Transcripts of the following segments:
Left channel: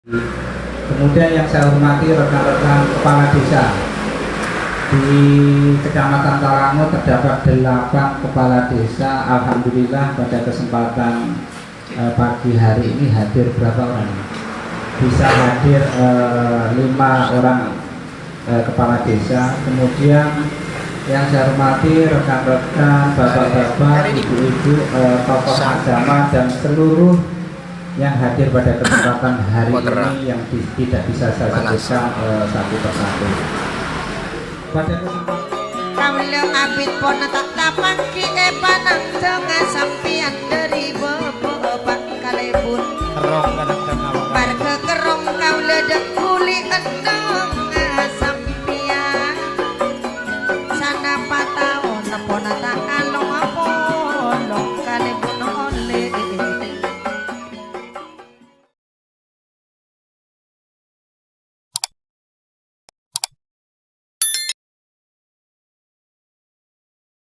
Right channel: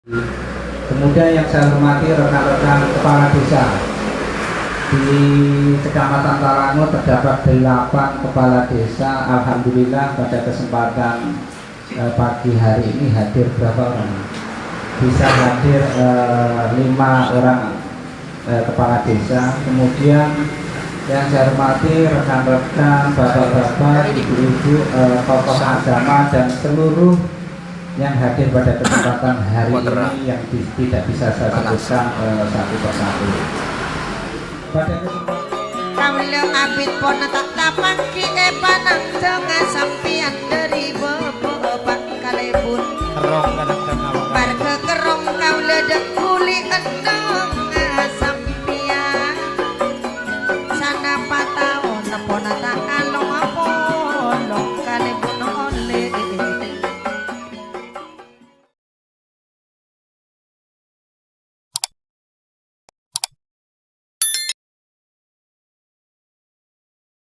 Kemudian yang saya hormati rekan-rekan kepala desa di Kecamatan Talango terdapat 8 kepala desa. Alhamdulillah pada kesempatan pagi hari ini hadir berapa orang? Bisa hadir 5 orang kepala desa. Kemudian yang saya hormati rekan-rekan, bapak-bapak, ibu-ibu, tokoh agama dan seluruh yang hadir pada kesempatan hari ini yang tidak bisa saya sebutkan satu persatu. Pada kesempatan Kaulo abid pona tak tapangki panang tengah sampian dari beberapa kalebun bar kekerong kaulo dek kuli endong sampian sana patao na pona tak along apolong kalebun oleh.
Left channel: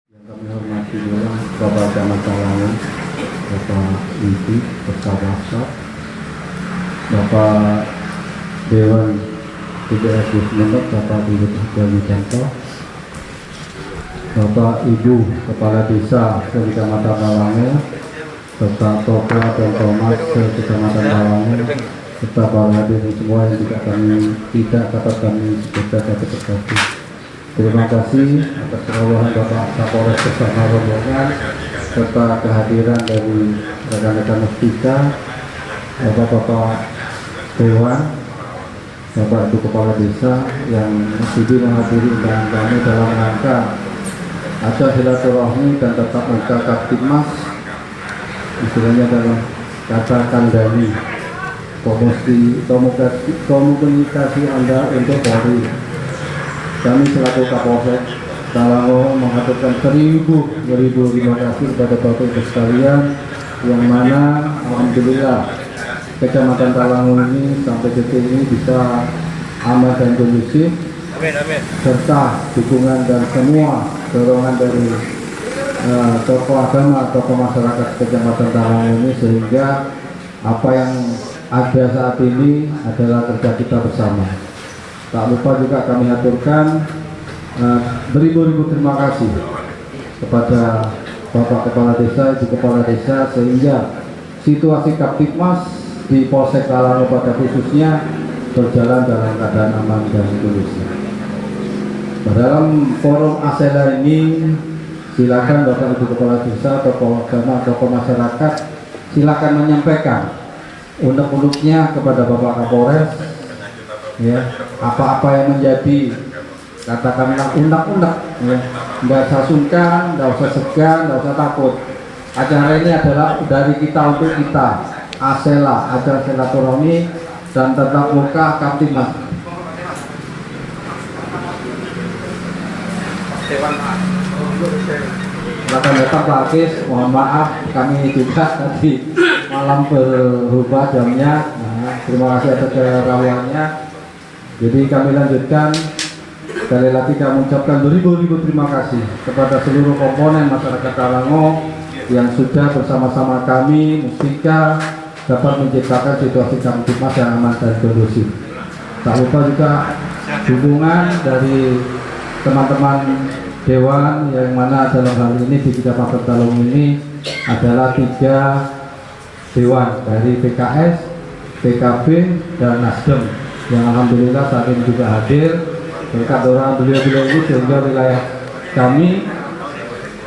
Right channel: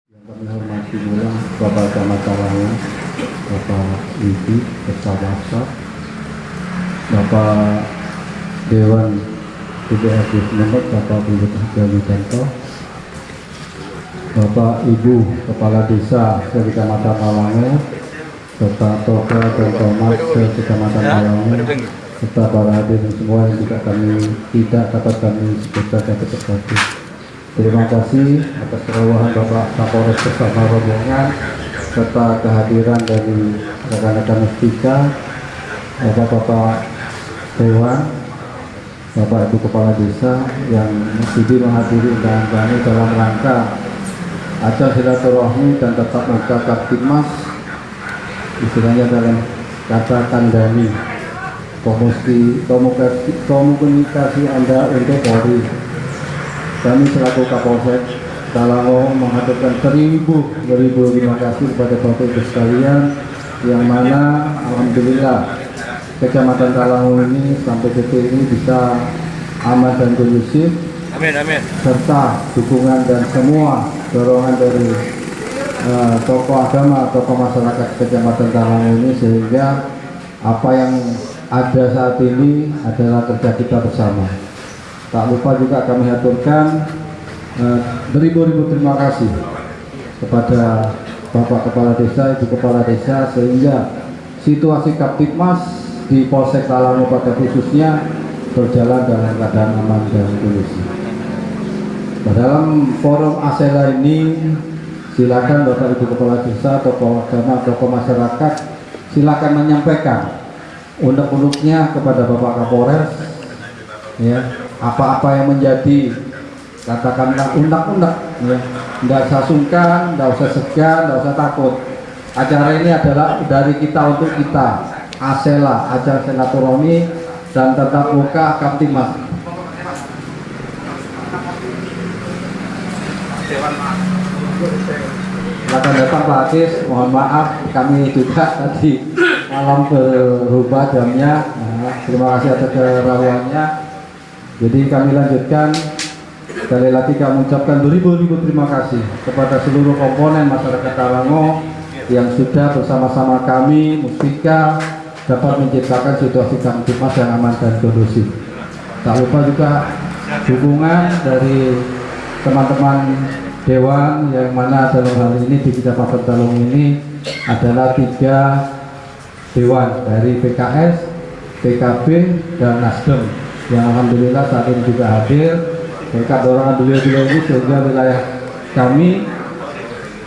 Yang kami hormati adalah Bapak Camat Talango, Bapak Ibu bersama Bapak Dewan PDRD Semenuk, Bapak Ibu Wijanto, Bapak Ibu Kepala Desa Kecamatan Talango, serta Toga dan Thomas Kecamatan Talango, serta para hadirin semua yang tidak dapat kami sebutkan satu persatu. Terima kasih atas kerawahan Bapak Kapolres bersama rombongan serta kehadiran dari rekan-rekan kita, Bapak-bapak Dewan, Bapak Ibu Kepala Desa yang sudi menghadiri undangan kami dalam rangka acara silaturahmi dan tetap muka Kaptimnas, istilahnya dalam kata kandani komunikasi Anda untuk Polri. Kami selaku Kapolsek Talango mengaturkan beribu terima kasih kepada Bapak Ibu sekalian yang mana alhamdulillah Kecamatan Talango ini sampai detik ini bisa aman dan kondusif. Amin. Serta dukungan dan semua dorongan dari tokoh agama, tokoh masyarakat Kecamatan Talango ini sehingga apa yang ada saat ini adalah kerja kita bersama. Tak lupa juga kami aturkan beribu-ribu terima kasih kepada Bapak Kepala Desa, Ibu Kepala Desa sehingga situasi Kaptipmas di Polsek Talango pada khususnya berjalan dalam keadaan aman dan kondusif. Dalam forum ASELA ini silakan Bapak Ibu Kepala Desa, tokoh agama, tokoh masyarakat silakan menyampaikan unek-uneknya kepada Bapak Kapolres, ya. Apa-apa yang menjadi katakanlah unek-unek, ya, nggak usah sungkan, nggak usah segan, nggak usah takut. Acara ini adalah dari kita untuk kita, ASELA, acara silaturahmi dan tatap muka Kaptimnas. Silakan datang Pak Akis, mohon maaf kami juga tadi malam berubah jamnya. Nah, terima kasih atas kerawaannya. Jadi kami lanjutkan, sekali lagi kami ucapkan beribu-ribu terima kasih kepada seluruh komponen masyarakat Talango yang sudah bersama-sama kami Mustika dapat menciptakan situasi Kaptimnas yang aman dan kondusif. Tak lupa juga dukungan dari teman-teman Dewan yang mana dalam hal ini di Kecamatan Talango ini adalah 3 Dewan dari PKS, PKB, dan Nasdem yang alhamdulillah saat ini juga hadir berkat dorongan beliau-beliau ini sehingga wilayah kami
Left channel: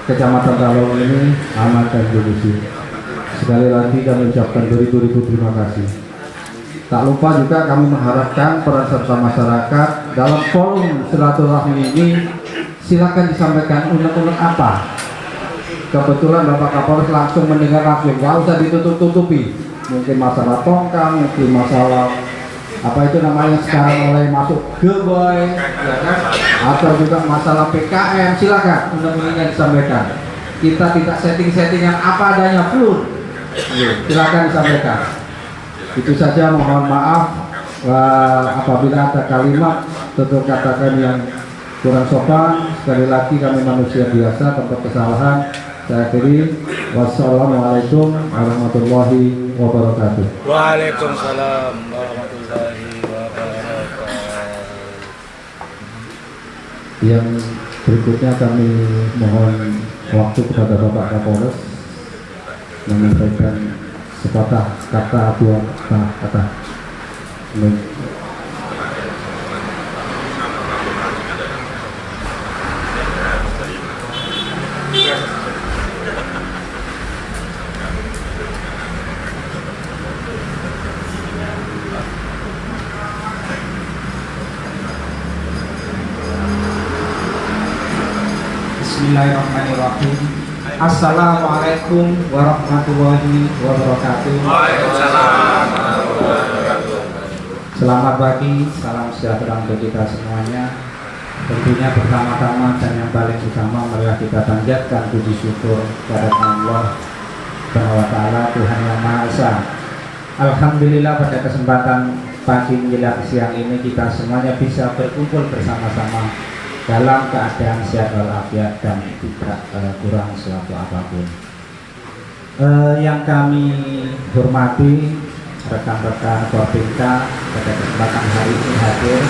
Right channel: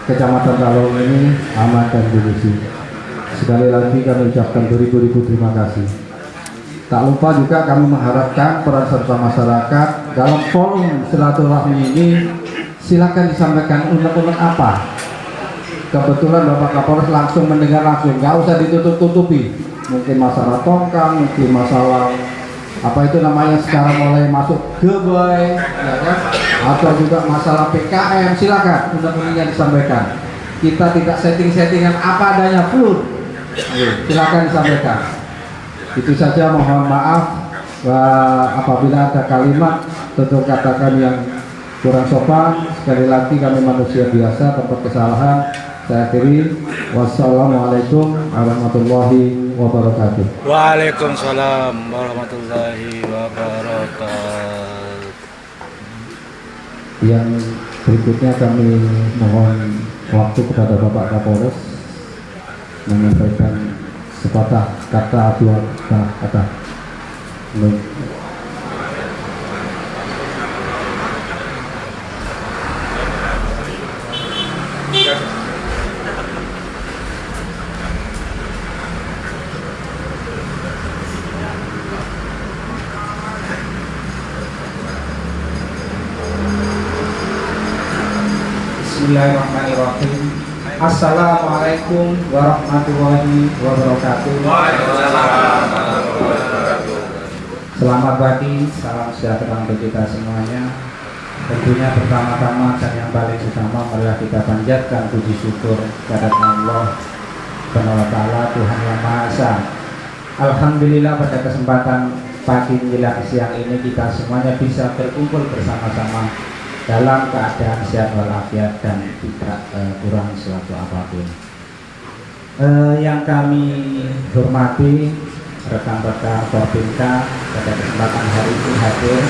Kecamatan Talango ini aman dan kondusif. Sekali lagi kami ucapkan beribu-ribu terima kasih. Tak lupa juga kami mengharapkan peran serta masyarakat dalam forum silaturahmi ini. Silakan disampaikan unek-unek apa. Kebetulan Bapak Kapolres langsung mendengar langsung, nggak usah ditutup-tutupi. Mungkin masalah tongkang, mungkin masalah apa itu namanya sekarang mulai masuk geboy, ya kan? Atau juga masalah PKM, silakan unek-uneknya disampaikan. Kita tidak setting-settingan apa adanya full, silakan disampaikan. Itu saja, mohon maaf apabila ada kalimat tutur katakan yang kurang sopan. Sekali lagi kami manusia biasa, tempat kesalahan. Saya akhiri, wassalamualaikum warahmatullahi wabarakatuh. Waalaikumsalam warahmatullahi wabarakatuh. Yang berikutnya kami mohon waktu kepada Bapak Kapolres menyampaikan sepatah kata, dua kata. Bismillahirrahmanirrahim. Assalamualaikum warahmatullahi wabarakatuh. Selamat pagi, salam sejahtera untuk kita semuanya. Tentunya pertama-tama dan yang paling utama marilah kita panjatkan puji syukur kepada Allah Subhanahu wa Ta'ala, Tuhan yang Maha Esa. Alhamdulillah pada kesempatan pagi menjelang siang ini kita semuanya bisa berkumpul bersama-sama dalam keadaan sehat walafiat dan tidak kurang suatu apapun. Yang kami hormati rekan-rekan Korbinka pada kesempatan hari ini hadir.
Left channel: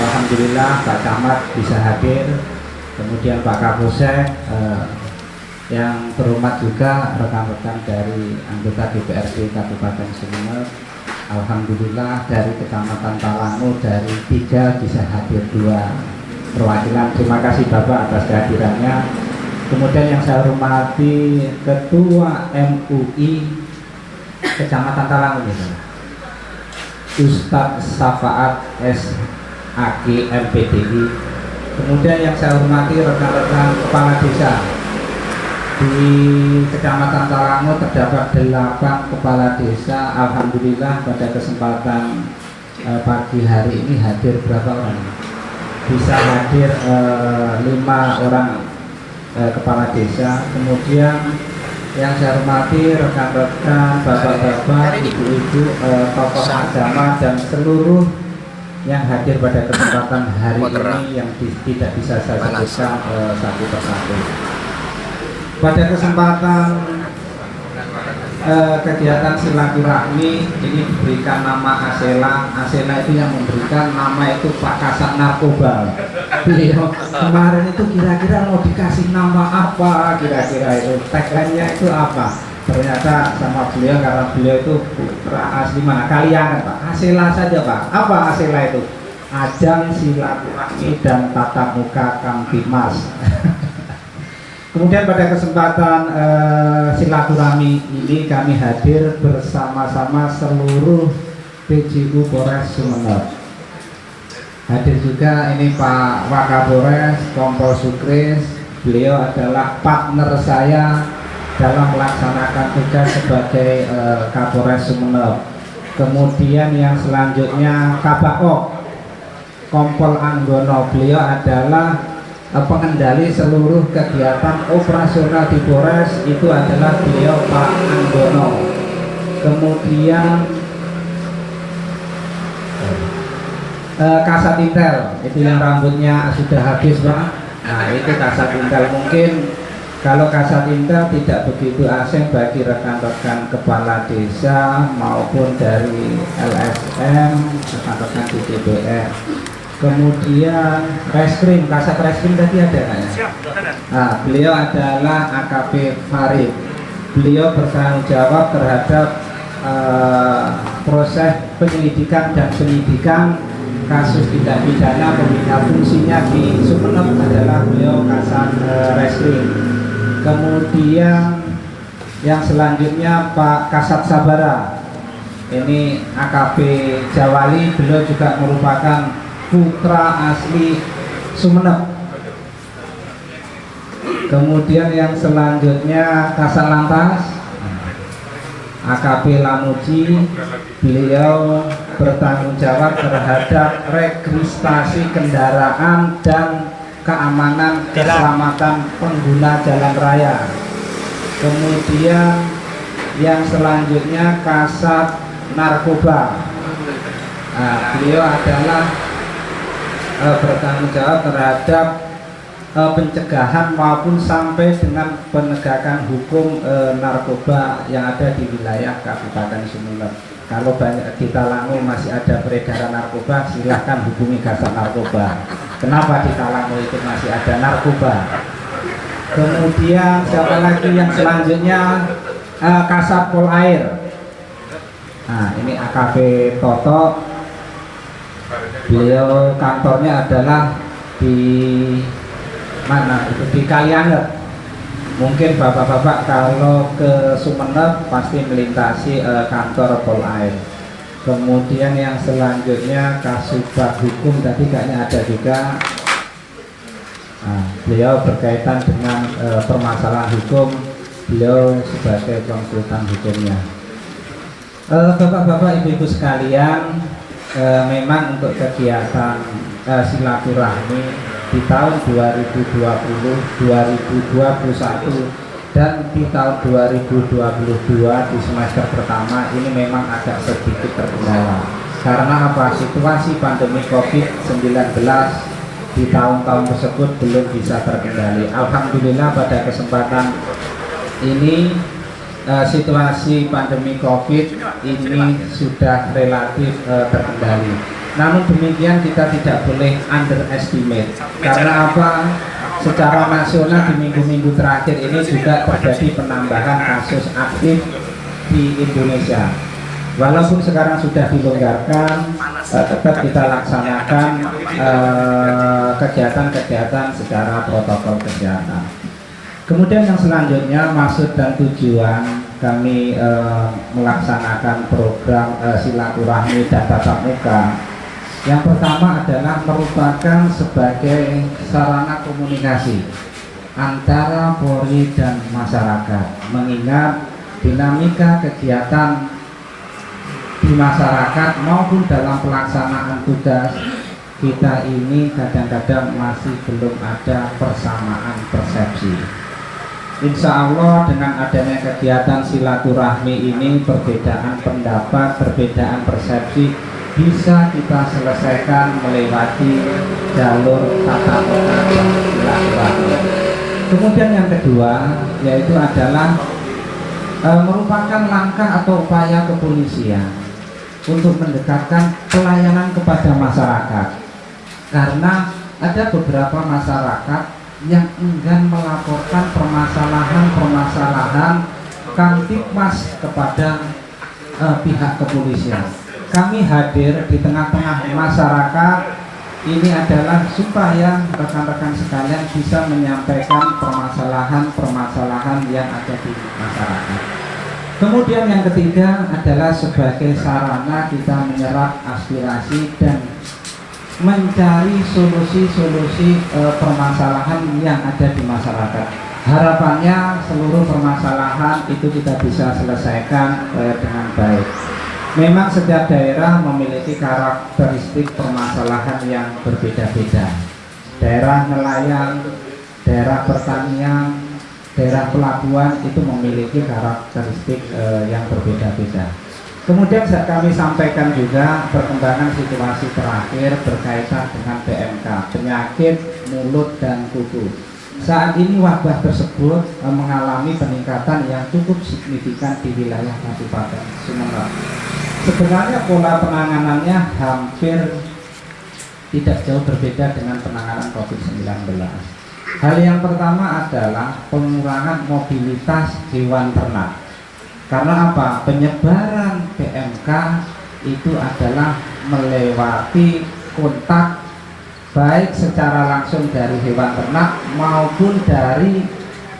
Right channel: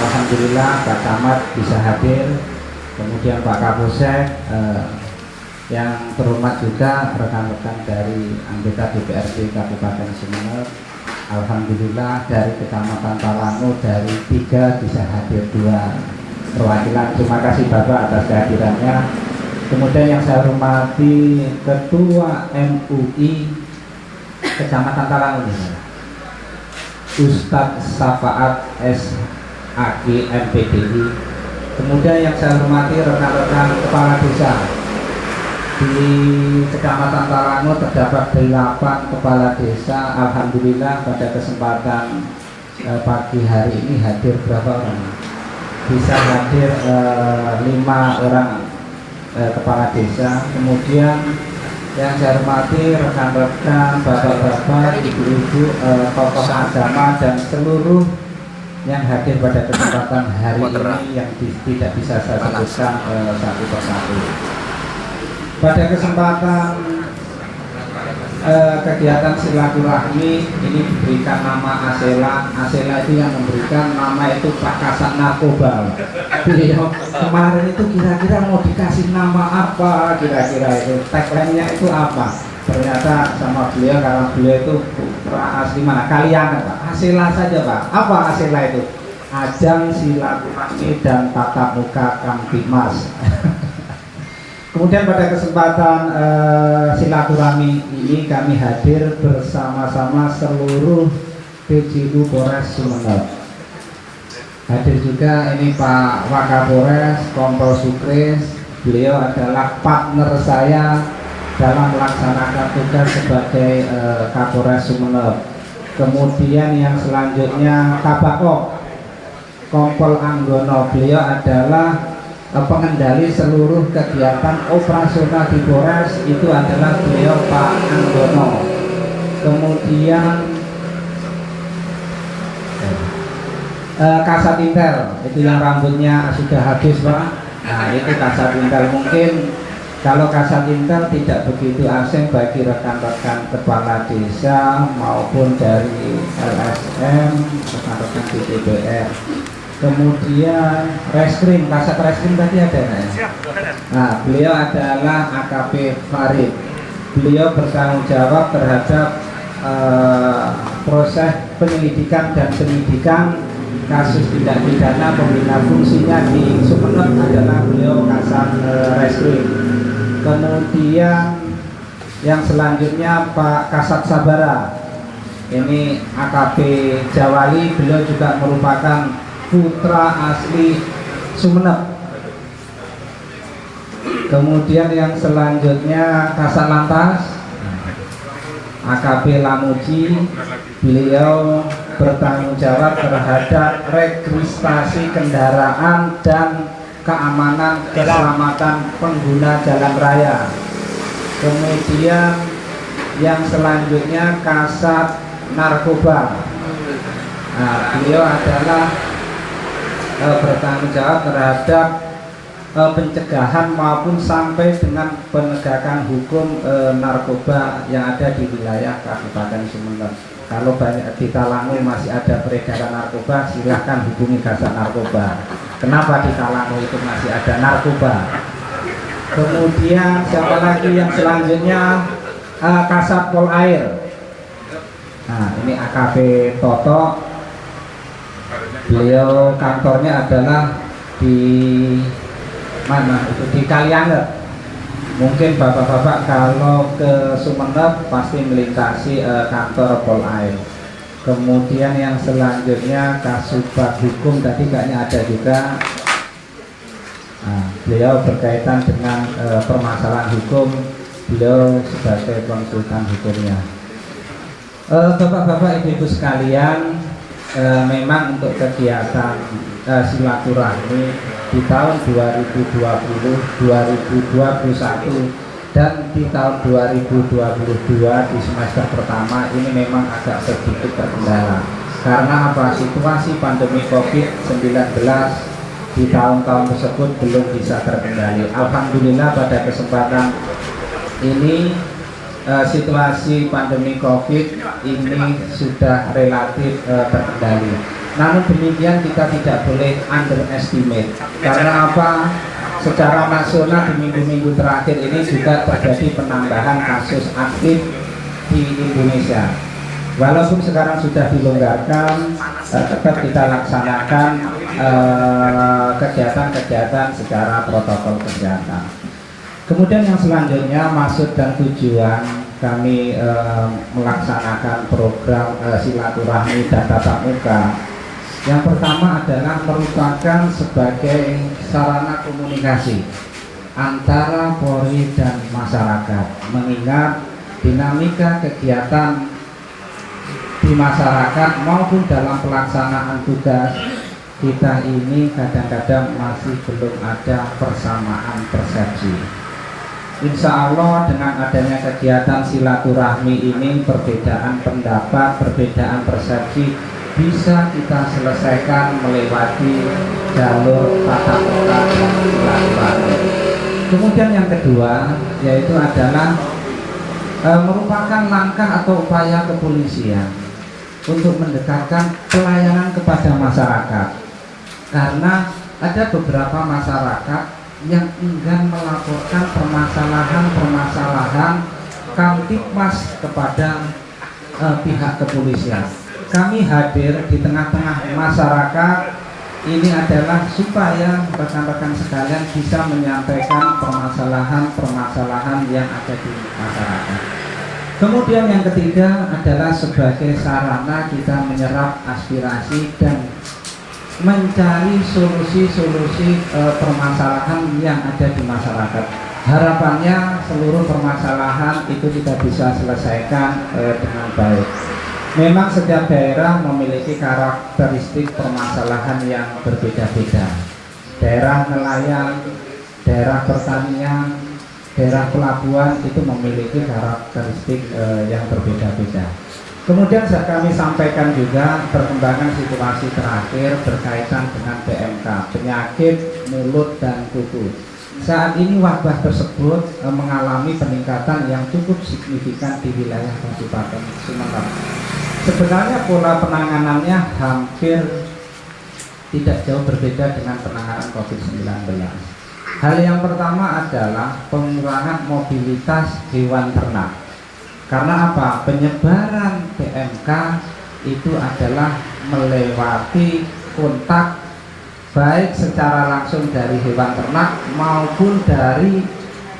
Alhamdulillah Pak Camat bisa hadir, kemudian Pak Kapolsek, yang terhormat juga rekan-rekan dari anggota DPRD Kabupaten Sumeneb. Alhamdulillah dari Kecamatan Talango dari 3 bisa hadir 2 perwakilan. Terima kasih Bapak atas kehadirannya. Kemudian yang saya hormati Ketua MUI Kecamatan Talango, Ustadz Safaat SAG MPDI. Kemudian yang saya hormati rekan-rekan kepala desa. Di Kecamatan Talango terdapat 8 kepala desa. Alhamdulillah pada kesempatan pagi hari ini hadir berapa orang? Bisa hadir 5 orang kepala desa. Kemudian yang saya hormati rekan-rekan, bapak-bapak, ibu-ibu, tokoh agama dan seluruh yang hadir pada kesempatan hari ini yang tidak bisa saya sebutkan satu persatu. Pada kesempatan kegiatan silaturahmi ini diberikan nama Asela. Asela itu yang memberikan nama itu Pak Kasat Narkoba. Beliau kemarin itu kira-kira mau dikasih nama apa, kira-kira itu tagline-nya itu apa? Ternyata sama beliau, karena beliau itu putra asli mana? Kaliangan Pak. Asela saja Pak. Apa Asela itu? Ajang silaturahmi dan tatap muka Kamtibmas. Kemudian pada kesempatan silaturahmi ini kami hadir bersama-sama seluruh PJU Polres Sumeneb. Hadir juga ini Pak Wakapolres Kompol Sukris. Beliau adalah partner saya dalam melaksanakan tugas sebagai Kapolres Sumeneb. Kemudian yang selanjutnya Kabak Kompol Anggono. Beliau adalah pengendali seluruh kegiatan operasional di Polres, itu adalah beliau Pak Anggono. Kemudian Kasat Intel, itu yang rambutnya sudah habis Pak. Nah itu Kasat Intel. Mungkin kalau Kasat Intel tidak begitu asing bagi rekan-rekan kepala desa maupun dari LSM, rekan-rekan di DPR. Kemudian reskrim, Kasat Reskrim tadi ada nggak ya? Nah, beliau adalah AKP Farid. Beliau bertanggung jawab terhadap proses penyelidikan dan penyidikan kasus tindak pidana pembina fungsinya di Sumeneb adalah beliau Kasat Reskrim. Kemudian yang selanjutnya Pak Kasat Sabara. Ini AKP Jawali, beliau juga merupakan putra asli Sumeneb. Kemudian yang selanjutnya Kasat Lantas AKP Lamuji, beliau bertanggung jawab terhadap registrasi kendaraan dan keamanan keselamatan pengguna jalan raya. Kemudian yang selanjutnya Kasat Narkoba. Nah, beliau adalah bertanggung jawab terhadap pencegahan maupun sampai dengan penegakan hukum narkoba yang ada di wilayah Kabupaten Sumeneb. Kalau banyak di Talango masih ada peredaran narkoba, silahkan hubungi Kasat Narkoba. Kenapa di Talango itu masih ada narkoba? Kemudian siapa lagi yang selanjutnya? Kasat Pol Air. Nah, ini AKP Toto. Beliau kantornya adalah di mana? Di Kalianger. Mungkin bapak-bapak kalau ke Sumeneb pasti melintasi kantor Pol Air. Kemudian yang selanjutnya Kasubag Hukum, tadi kayaknya ada juga. Nah, beliau berkaitan dengan permasalahan hukum. Beliau sebagai konsultan hukumnya. Bapak-bapak, ibu-ibu sekalian, memang untuk kegiatan silaturahmi di tahun 2020, 2021 dan di tahun 2022 di semester pertama ini memang agak sedikit terkendala. Karena apa? Situasi pandemi COVID-19 di tahun-tahun tersebut belum bisa terkendali. Alhamdulillah pada kesempatan ini situasi pandemi COVID ini sudah relatif terkendali. Namun demikian kita tidak boleh underestimate. Karena apa? Secara nasional di minggu-minggu terakhir ini juga terjadi penambahan kasus aktif di Indonesia. Walaupun sekarang sudah dilonggarkan, tetap kita laksanakan kegiatan-kegiatan secara protokol kesehatan. Kemudian yang selanjutnya, maksud dan tujuan kami melaksanakan program silaturahmi dan tatap muka. Yang pertama adalah merupakan sebagai sarana komunikasi antara Polri dan masyarakat, mengingat dinamika kegiatan di masyarakat maupun dalam pelaksanaan tugas kita ini kadang-kadang masih belum ada persamaan persepsi. Insya Allah dengan adanya kegiatan silaturahmi ini, perbedaan pendapat, perbedaan persepsi bisa kita selesaikan melewati jalur tatap muka dan silaturahmi. Kemudian yang kedua yaitu adalah merupakan langkah atau upaya kepolisian untuk mendekatkan pelayanan kepada masyarakat. Karena ada beberapa masyarakat yang enggan melaporkan permasalahan Kamtibmas kepada pihak kepolisian. Kami hadir di tengah-tengah masyarakat ini adalah supaya rekan-rekan sekalian bisa menyampaikan permasalahan yang ada di masyarakat. Kemudian yang ketiga adalah sebagai sarana kita menyerap aspirasi dan mencari solusi-solusi permasalahan yang ada di masyarakat. Harapannya seluruh permasalahan itu kita bisa selesaikan dengan baik. Memang setiap daerah memiliki karakteristik permasalahan yang berbeda-beda. Daerah nelayan, daerah pertanian, daerah pelabuhan itu memiliki karakteristik yang berbeda-beda. Kemudian kami sampaikan juga perkembangan situasi terakhir berkaitan dengan PMK, penyakit mulut dan kuku. Saat ini wabah tersebut mengalami peningkatan yang cukup signifikan di wilayah Kabupaten Sumeneb. Sebenarnya pola penanganannya hampir tidak jauh berbeda dengan penanganan COVID-19. Hal yang pertama adalah pengurangan mobilitas hewan ternak. Karena apa? Penyebaran PMK itu adalah melewati kontak baik secara langsung dari hewan ternak maupun dari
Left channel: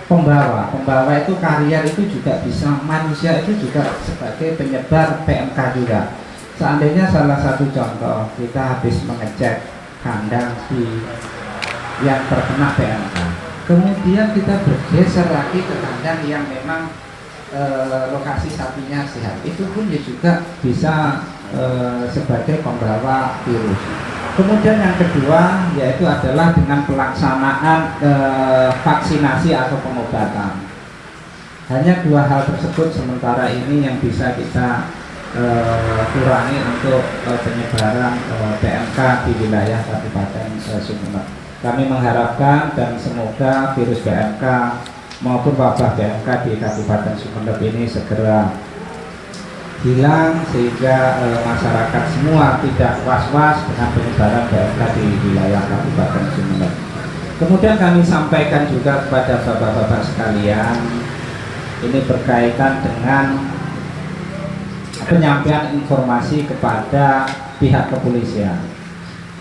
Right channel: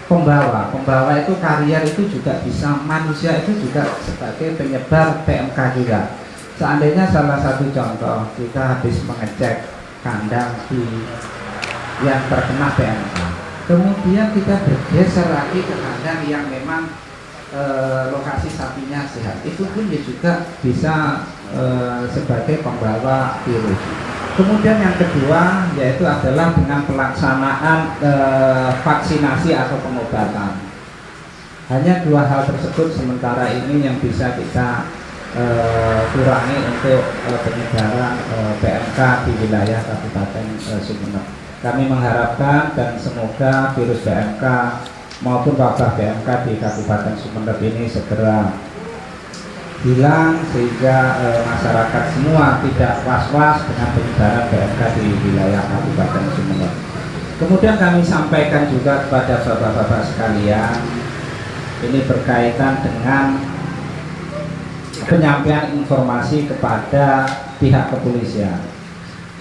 pembawa. Pembawa itu karier itu juga bisa, manusia itu juga sebagai penyebar PMK juga. Seandainya salah satu contoh, kita habis mengecek kandang yang terkena PMK, kemudian kita bergeser lagi ke kandang yang memang lokasi sapinya sehat, itu pun juga bisa sebagai pembawa virus. Kemudian yang kedua yaitu adalah dengan pelaksanaan vaksinasi atau pengobatan. Hanya dua hal tersebut sementara ini yang bisa kita kurangi untuk penyebaran PMK di wilayah Kabupaten Sumeneb. Kami mengharapkan dan semoga virus PMK maupun wabah PMK di Kabupaten Sumeneb ini segera hilang sehingga masyarakat semua tidak was-was dengan penyebaran PMK di wilayah Kabupaten Sumeneb. Kemudian kami sampaikan juga kepada bapak-bapak sekalian, ini berkaitan dengan penyampaian informasi kepada pihak kepolisian.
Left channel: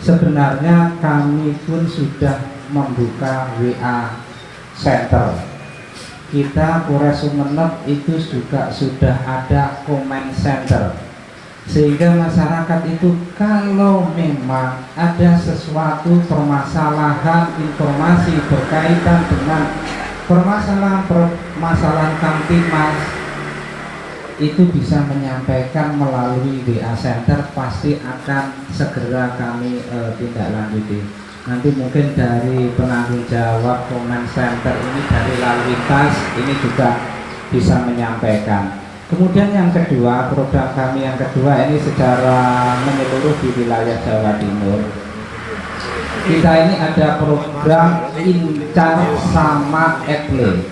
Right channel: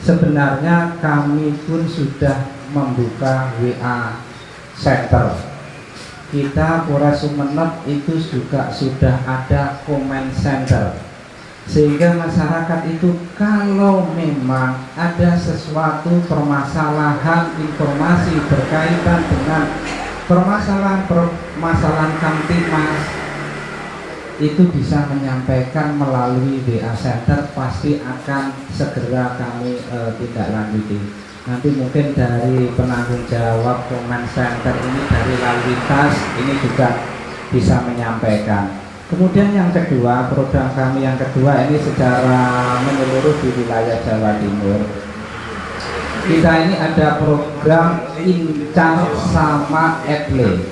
Sebenarnya kami pun sudah membuka WA Center. Kita Polres Sumeneb itu juga sudah ada comment center, sehingga masyarakat itu kalau memang ada sesuatu permasalahan informasi berkaitan dengan permasalahan Kamtibmas itu bisa menyampaikan melalui WA Center, pasti akan segera kami tindak lanjuti. Nanti mungkin dari penanggung jawab comment center ini, dari lalu lintas ini juga bisa menyampaikan. Kemudian yang kedua, program kami yang kedua ini secara menyeluruh di wilayah Jawa Timur. Kita ini ada program Incar sama Ekle.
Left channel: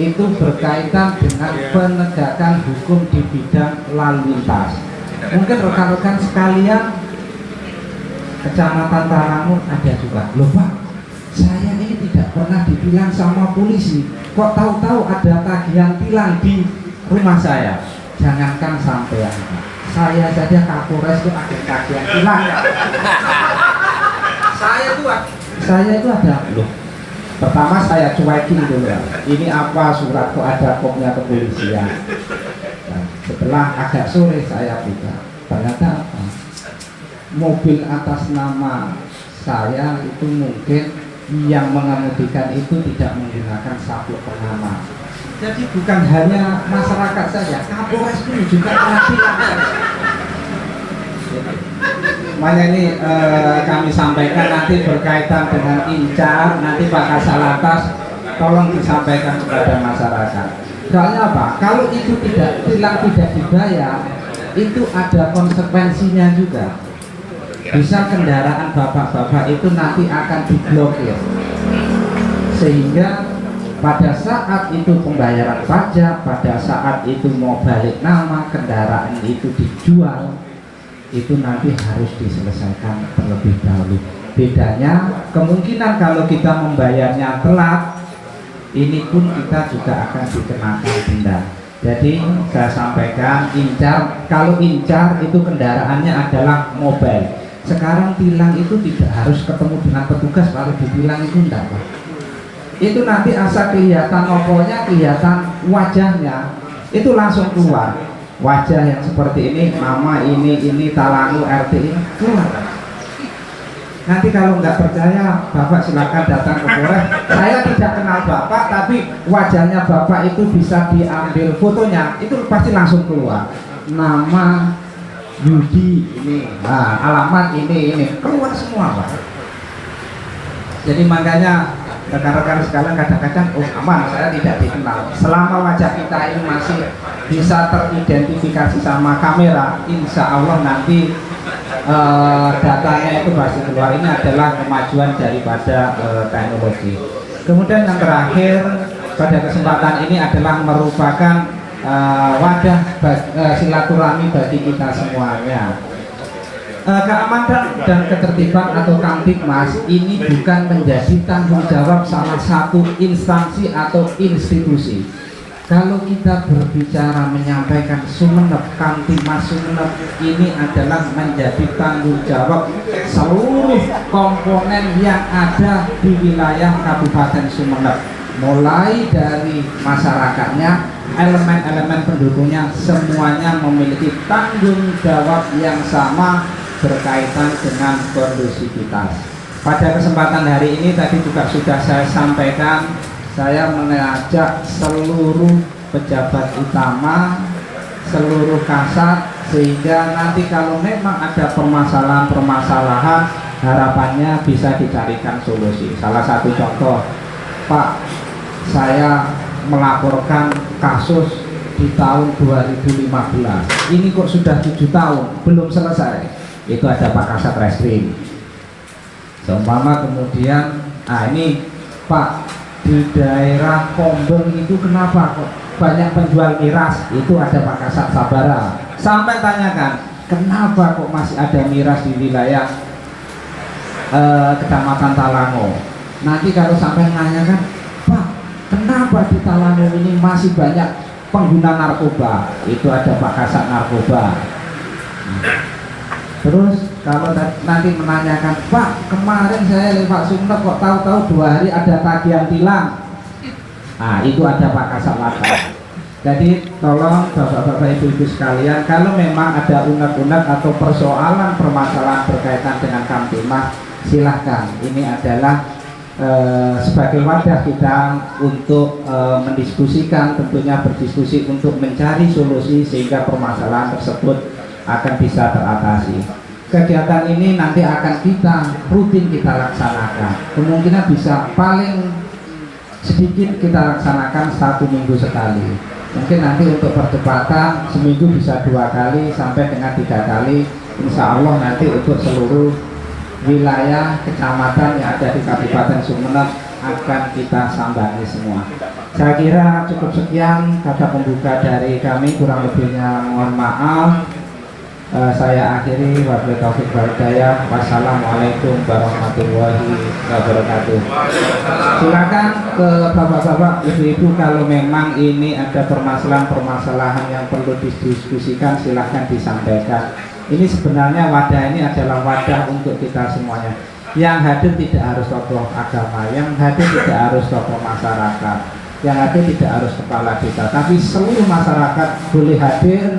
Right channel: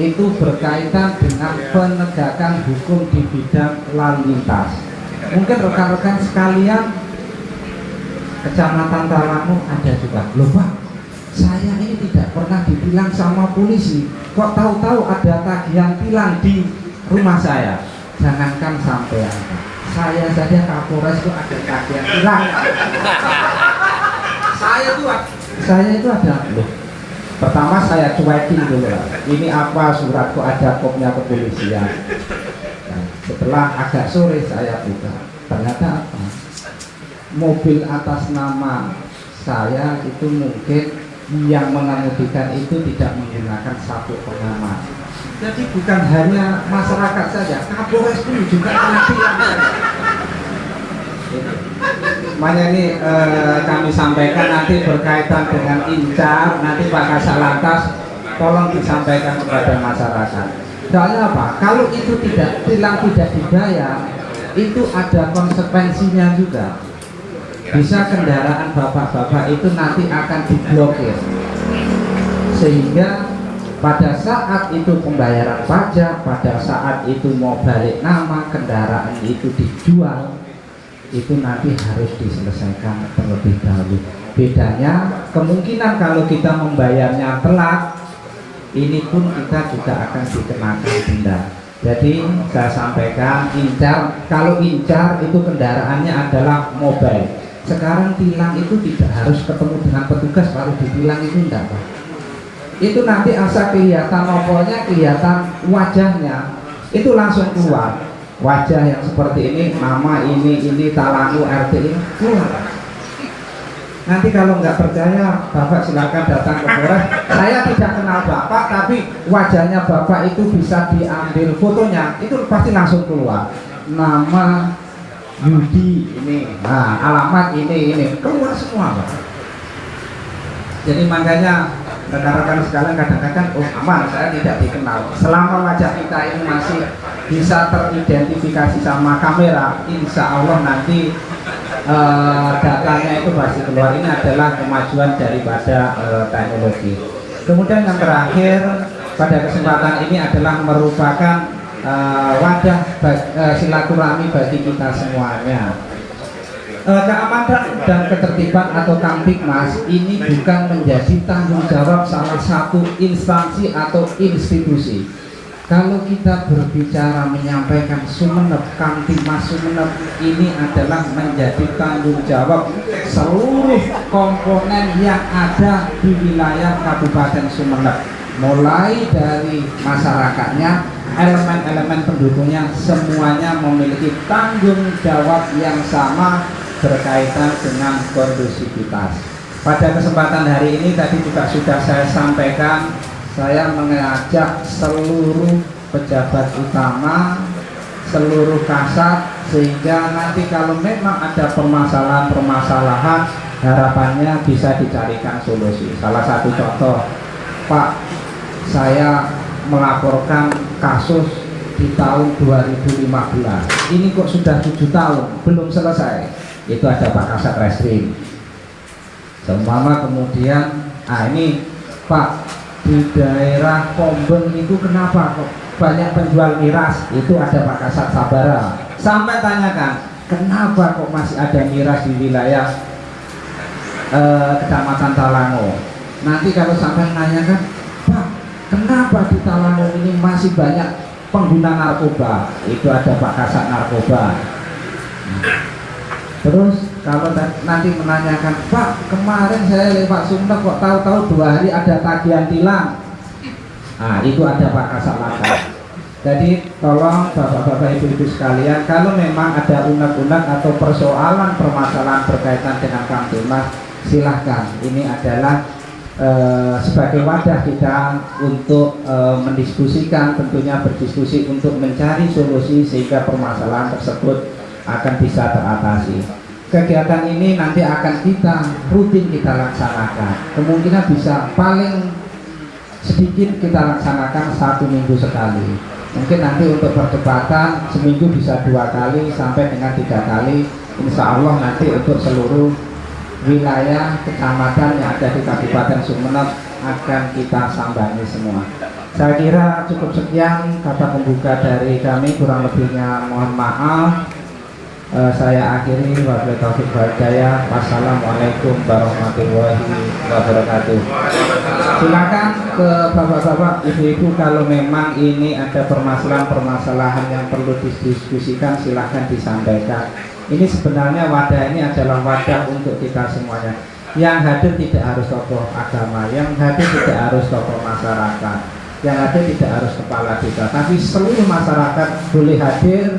Itu berkaitan dengan penegakan hukum di bidang lalu lintas. Mungkin rekan-rekan sekalian, Kecamatan Talangu ada juga. Loh Pak, saya ini tidak pernah ditilang sama polisi, kok tahu-tahu ada tagihan tilang di rumah saya. Jangankan sampai saya saja Kapolres itu ada tagihan tilang. Saya itu ada. Loh, pertama saya cuekin dulu ya. Ini apa surat kok ada kopnya kepolisian. Nah, setelah agak sore saya buka, ternyata apa? Mobil atas nama saya itu mungkin yang mengemudikan itu tidak menggunakan sabuk pengaman. Jadi bukan hanya masyarakat saja, Kapolres pun juga kena tilang. Makanya ini kami sampaikan nanti berkaitan dengan Incar, nanti Pak Kasalantas tolong disampaikan kepada masyarakat. Soalnya apa? Kalau itu tilang tidak dibayar, itu ada konsekuensinya juga. Bisa kendaraan bapak-bapak itu nanti akan diblokir, sehingga pada saat itu pembayaran pajak, pada saat itu mau balik nama kendaraan itu dijual, itu nanti harus diselesaikan terlebih dahulu. Bedanya kemungkinan kalau kita membayarnya telat, ini pun kita juga akan dikenakan denda. Jadi saya sampaikan Incar, kalau Incar itu kendaraannya adalah mobile. Sekarang tilang itu tidak harus ketemu dengan petugas baru ditilang, itu enggak Pak. Itu nanti asal kelihatan nopolnya, kelihatan wajahnya, itu langsung keluar. Wajah yang seperti ini, nama ini Talangu RT ini keluar. Nanti kalau nggak percaya, Bapak silakan datang ke Polres. Saya tidak kenal Bapak, tapi wajahnya Bapak itu bisa diambil fotonya, itu pasti langsung keluar. Nama Yudi ini, nah, alamat ini keluar semua Pak. Jadi makanya rekan-rekan sekalian kadang-kadang aman, saya tidak dikenal. Selama wajah kita ini masih bisa teridentifikasi sama kamera, insya Allah nanti datanya itu pasti keluar. Ini adalah kemajuan daripada teknologi. Kemudian yang terakhir pada kesempatan ini adalah merupakan wadah silaturahmi bagi kita semuanya. Keamanan dan ketertiban atau Kamtibmas ini bukan menjadi tanggung jawab salah satu instansi atau institusi. Kalau kita berbicara menyampaikan Sumeneb, Kamtibmas Sumeneb ini adalah menjadi tanggung jawab seluruh komponen yang ada di wilayah Kabupaten Sumeneb, mulai dari masyarakatnya, elemen-elemen pendukungnya, semuanya memiliki tanggung jawab yang sama berkaitan dengan kondusivitas. Pada kesempatan hari ini tadi juga sudah saya sampaikan, saya mengajak seluruh pejabat utama, seluruh kasat, sehingga nanti kalau memang ada permasalahan-permasalahan, harapannya bisa dicarikan solusi. Salah satu contoh, Pak, saya melaporkan kasus di tahun 2015, ini kok sudah 7 tahun belum selesai. Itu ada Pak Kasat Reskrim seumpama, kemudian ini Pak, di daerah Pombeng itu kenapa kok banyak penjual miras, itu ada Pak Kasat Sabara. sampai tanyakan kenapa kok masih ada miras di wilayah Kecamatan Talango. Nanti kalau sampai nanyakan, Pak, kenapa di Talango ini masih banyak pengguna narkoba? Itu ada Pak Kasat narkoba. Terus kalau nanti menanyakan, Pak, kemarin saya lewat Sumeneb kok tahu-tahu 2 hari ada tagihan tilang. Nah, itu ada Pak Kasat Laka. Jadi tolong bapak-bapak ibu-ibu sekalian, kalau memang ada unek-unek atau persoalan permasalahan berkaitan dengan Kamtipmas, silahkan. Ini adalah sebagai wadah kita untuk mendiskusikan, tentunya berdiskusi untuk mencari solusi sehingga permasalahan tersebut akan bisa teratasi. Kegiatan ini nanti akan rutin kita laksanakan. Kemungkinan bisa paling sedikit kita laksanakan 1 minggu sekali. Mungkin nanti untuk percepatan seminggu bisa 2 kali sampai dengan 3 kali. Insya Allah nanti untuk seluruh wilayah kecamatan yang ada di Kabupaten Sumeneb akan kita sambangi semua. Saya kira cukup sekian kata pembuka dari kami, kurang lebihnya mohon maaf. Saya akhiri, wabillahi taufiq wal hidayah. Wassalamualaikum warahmatullahi wabarakatuh. Silakan ke bapak-bapak, ibu-ibu, kalau memang ini ada permasalahan-permasalahan yang perlu didiskusikan, silahkan disampaikan. Ini sebenarnya wadah ini adalah wadah untuk kita semuanya. Yang hadir tidak harus tokoh agama, yang hadir tidak harus tokoh masyarakat, yang hadir tidak harus kepala desa, tapi seluruh masyarakat boleh hadir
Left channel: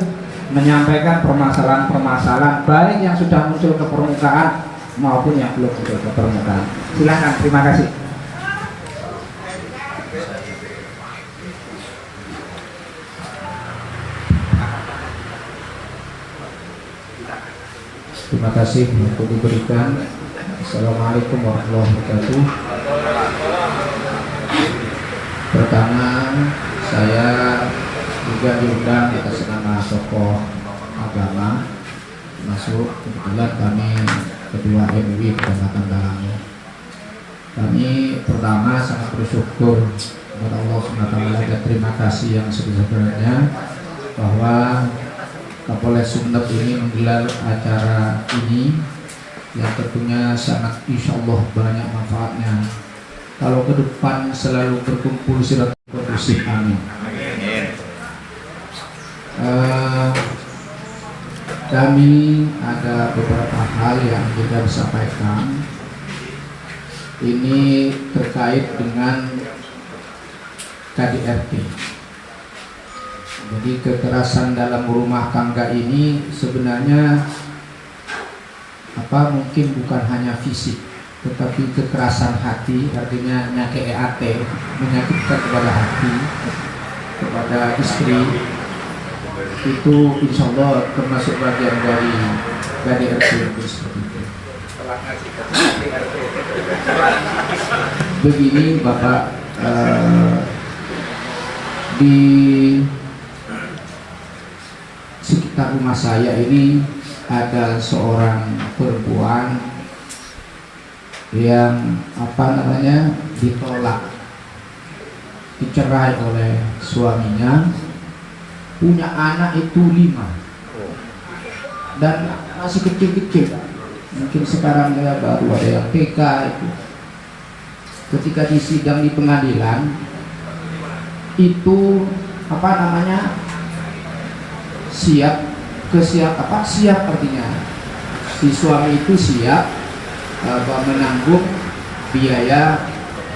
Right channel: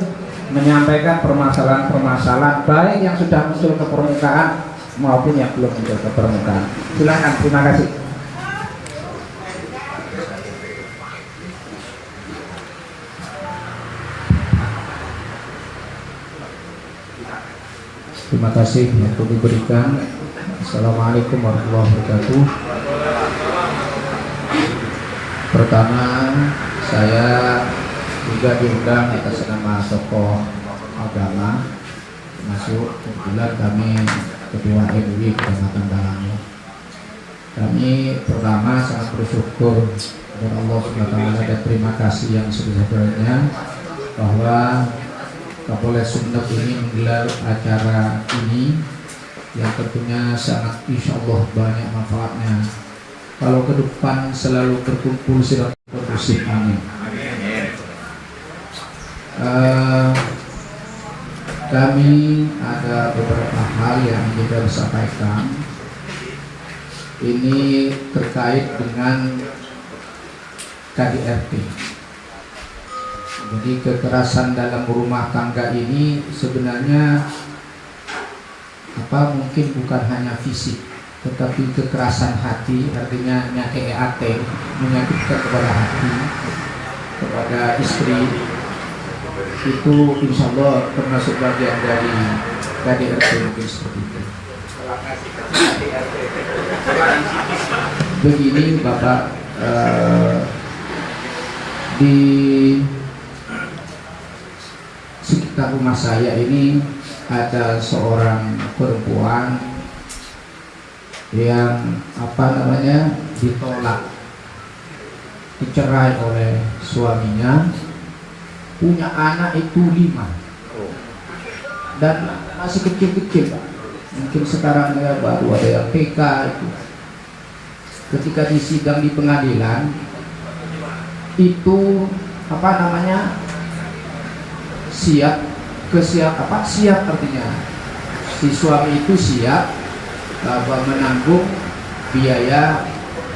menyampaikan permasalahan-permasalahan baik yang sudah muncul ke permukaan maupun yang belum muncul ke permukaan. Silakan, terima kasih. Terima kasih yang diberikan. Assalamualaikum warahmatullahi wabarakatuh. Pertama, saya juga diundang atas nama tokoh agama masuk. Kebetulan kami Ketua MUI Kecamatan Talango. Kami pertama sangat bersyukur kepada Allah SWT dan terima kasih yang sebesar-besarnya bahwa Kapolres Sumeneb ini menggelar acara ini yang tentunya sangat insya Allah banyak manfaatnya. Kalau ke depan selalu berkumpul silaturahmi kondusif, amin. Kami ada beberapa hal yang kita sampaikan. Ini terkait dengan KDRT. Jadi kekerasan dalam rumah tangga ini sebenarnya mungkin bukan hanya fisik, tetapi kekerasan hati, artinya EAT, menyakitkan kepada hati, kepada istri, itu insya Allah termasuk bagian dari KDRT seperti itu. Begini Bapak, di sekitar rumah saya ini ada seorang perempuan yang ditolak, dicerai oleh suaminya, punya anak itu 5 dan masih kecil-kecil, mungkin sekarang dia baru ada yang TK itu. Ketika disidang di pengadilan itu siap artinya si suami itu siap menanggung biaya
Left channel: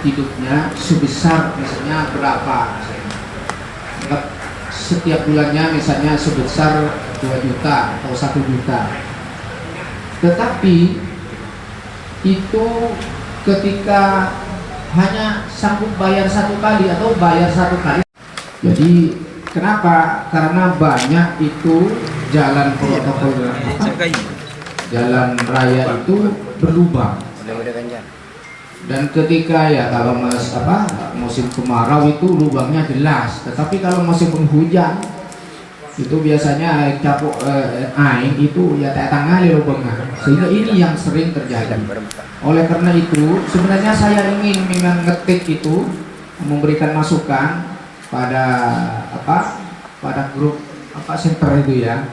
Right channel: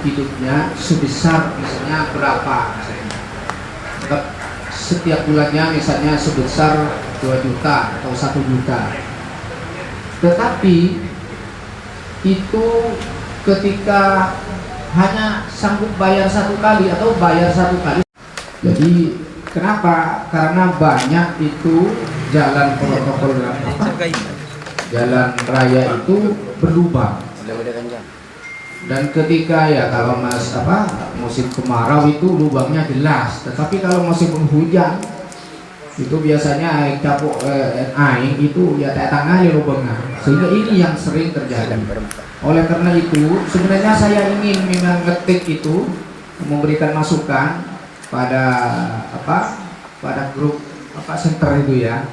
hidupnya sebesar misalnya berapa, setiap bulannya misalnya sebesar 2 juta atau 1 juta. Tetapi itu ketika hanya sanggup bayar 1 kali atau bayar 1 kali. Jadi kenapa? Karena banyak itu jalan protokol jalan raya itu berlubang. Dan ketika kalau musim kemarau itu lubangnya jelas, tetapi kalau musim penghujan itu biasanya air itu tengah lubangnya, sehingga ini yang sering terjadi. Oleh karena itu sebenarnya saya ingin memang ngetik itu memberikan masukan pada pada grup center itu ya,